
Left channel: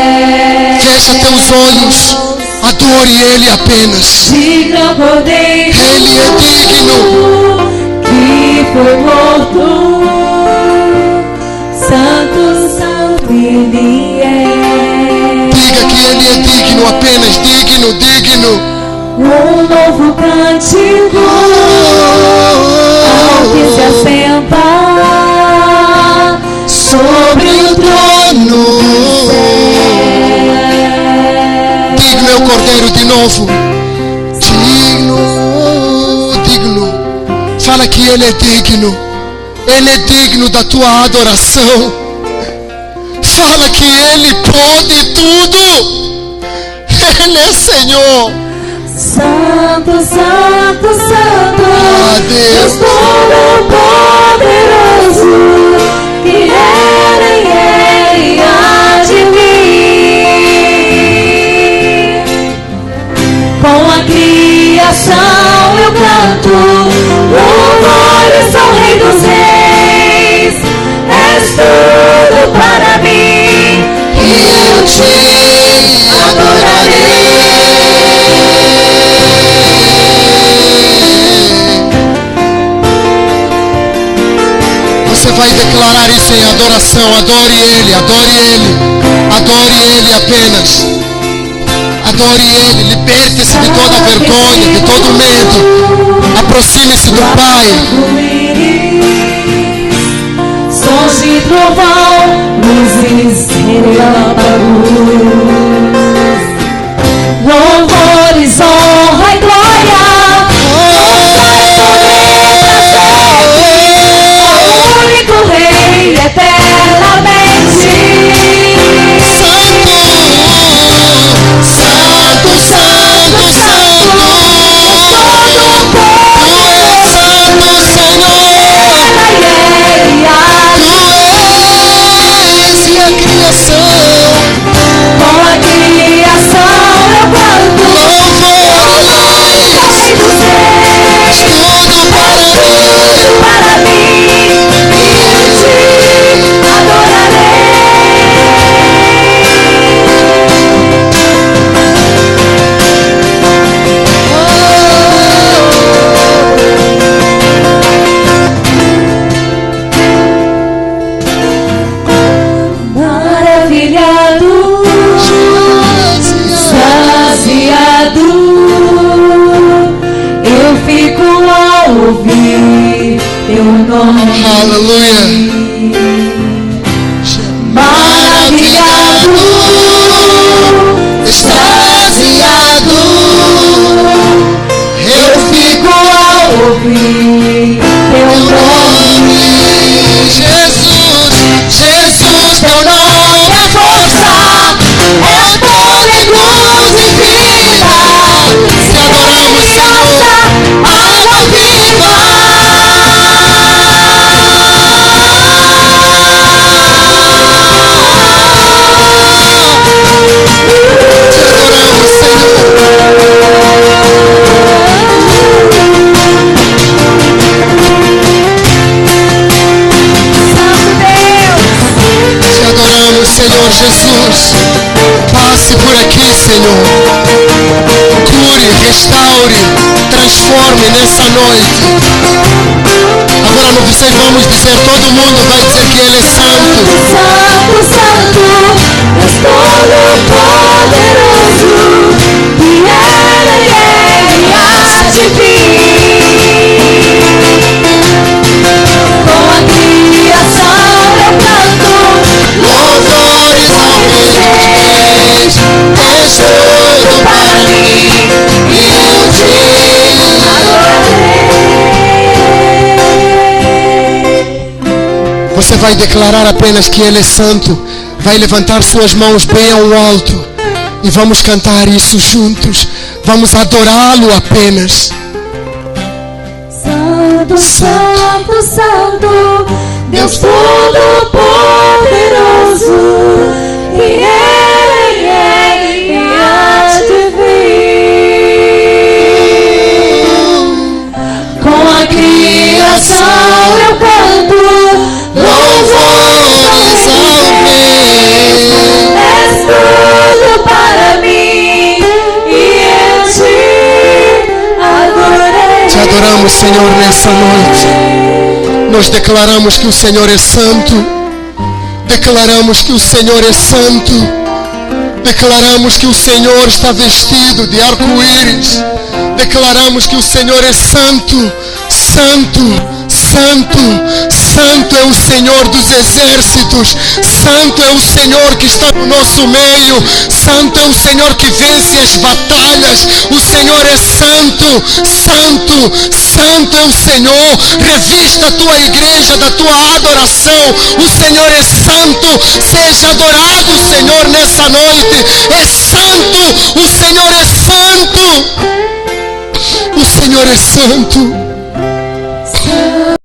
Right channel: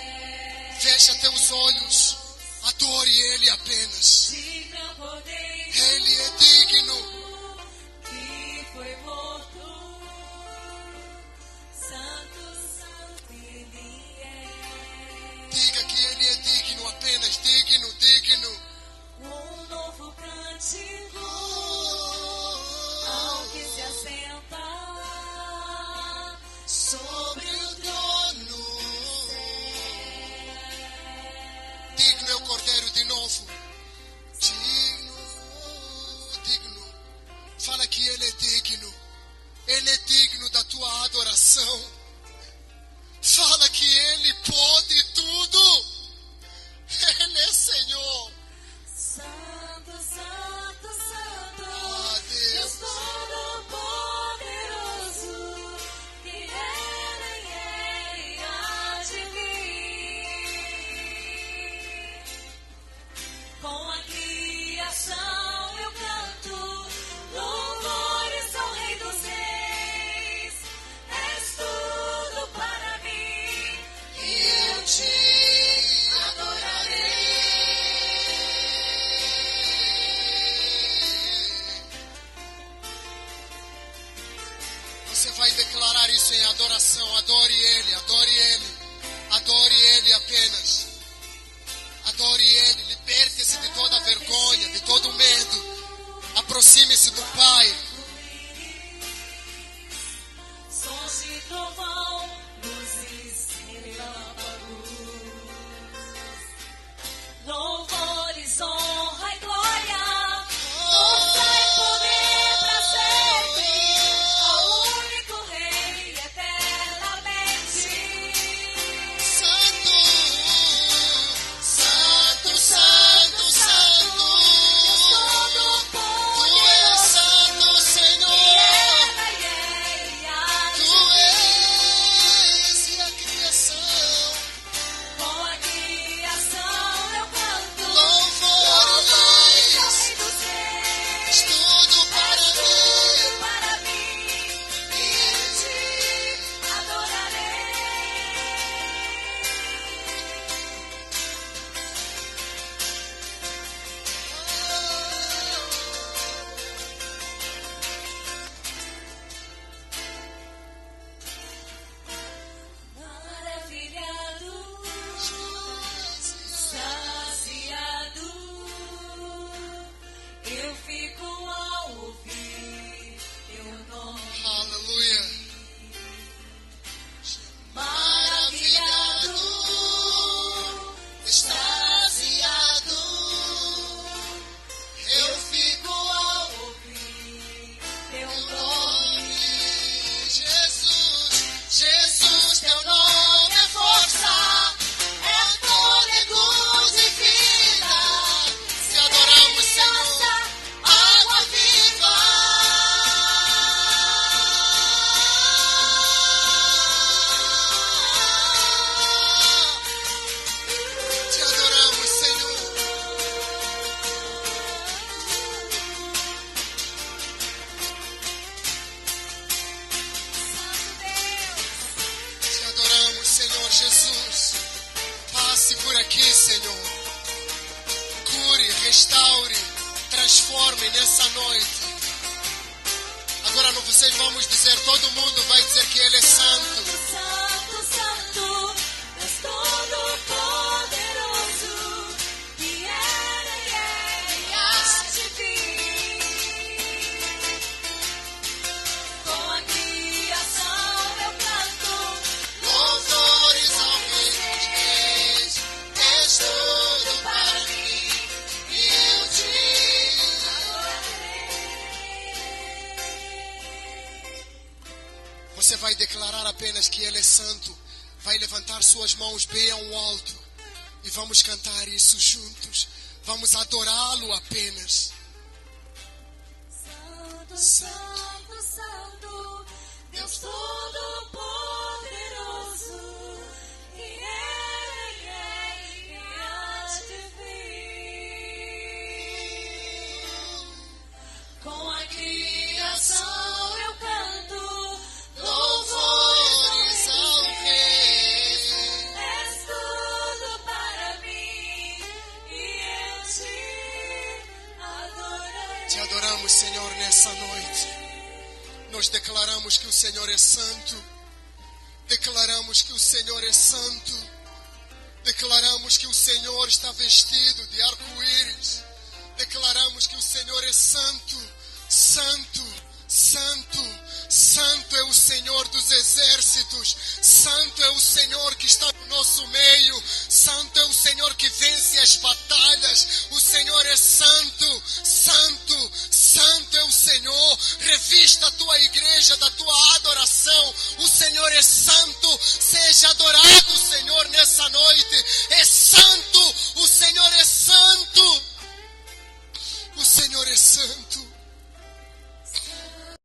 Fecha teus olhos. Adore Ele apenas. Digno Cordeiro, Ele é digno. que foi morto. Santo, santo Ele é. Diga que Ele é digno, apenas digno, digno. Um novo cântico ao que se assenta sobre o trono. Digno é o Cordeiro de novo. Digno, digno. Fala que Ele é digno. Ele é digno da tua adoração. Fala que Ele pode tudo. Ele é Senhor. Santo, santo, santo, Deus Todo-Poderoso, que era e é e há de vir. Com a criação eu canto louvores ao Rei dos Reis. És tudo para mim e eu te adorarei. em adoração. Adore Ele, adore Ele. Adore Ele apenas. Adore Ele. Liberte-se de toda vergonha, de todo medo. Aproxime-se do Pai. Sons de trovão, luzes e relâmpagos, louvores, honra e glória, poder trazer ao único Rei eternamente. Santo, Santo, Santo, Santo. Todo o povo Tu és Santo, Senhor. Tu és e a criação. com a criação eu canto Louvores, Rei dos Reis. tudo para mim. Para mim e te adorarei. Maravilhado, saciado, eu fico ao ouvir teu nome. Aleluia. Maravilhado, Extasiado, eu fico ao ouvir teu nome. Jesus, Jesus, teu nome é força, é poder, luz e vida. Te adoramos, Senhor, água viva. Te adoramos, Senhor. Santo Deus, Te adoramos, Senhor Jesus. Passe por aqui, Senhor. Cure, restaure, transforme nessa noite. Agora não sei, vamos dizer, todo mundo vai dizer que Ele é santo. Santo, Santo, Deus Todo-Poderoso, que era e há de vir. Com a criação eu canto Louvores ao Rei dos Reis. És tudo para mim e eu te adorarei. Você vai declarar apenas que Ele é santo. Vai levantar suas mãos bem ao alto. E vamos cantar isso juntos. Vamos adorá-lo apenas. Santo, Santo, Santo, Deus Todo-Poderoso, que era e há de vir. Com a criação eu canto Louvores ao Rei. és tudo para mim e eu te adorei. Te adoramos, Senhor, nessa noite. Nós declaramos que o Senhor é santo. Declaramos que o Senhor é santo. Declaramos que o Senhor está vestido de arco-íris. Declaramos que o Senhor é santo, santo, santo, santo é o Senhor dos exércitos. Santo é o Senhor que está no nosso meio. Santo é o Senhor que vence as batalhas. O Senhor é santo, santo, santo é o Senhor. Revista a tua igreja da tua adoração. O Senhor é santo. Seja adorado, Senhor, nessa noite. É santo, o Senhor é santo. O Senhor é santo. Santo,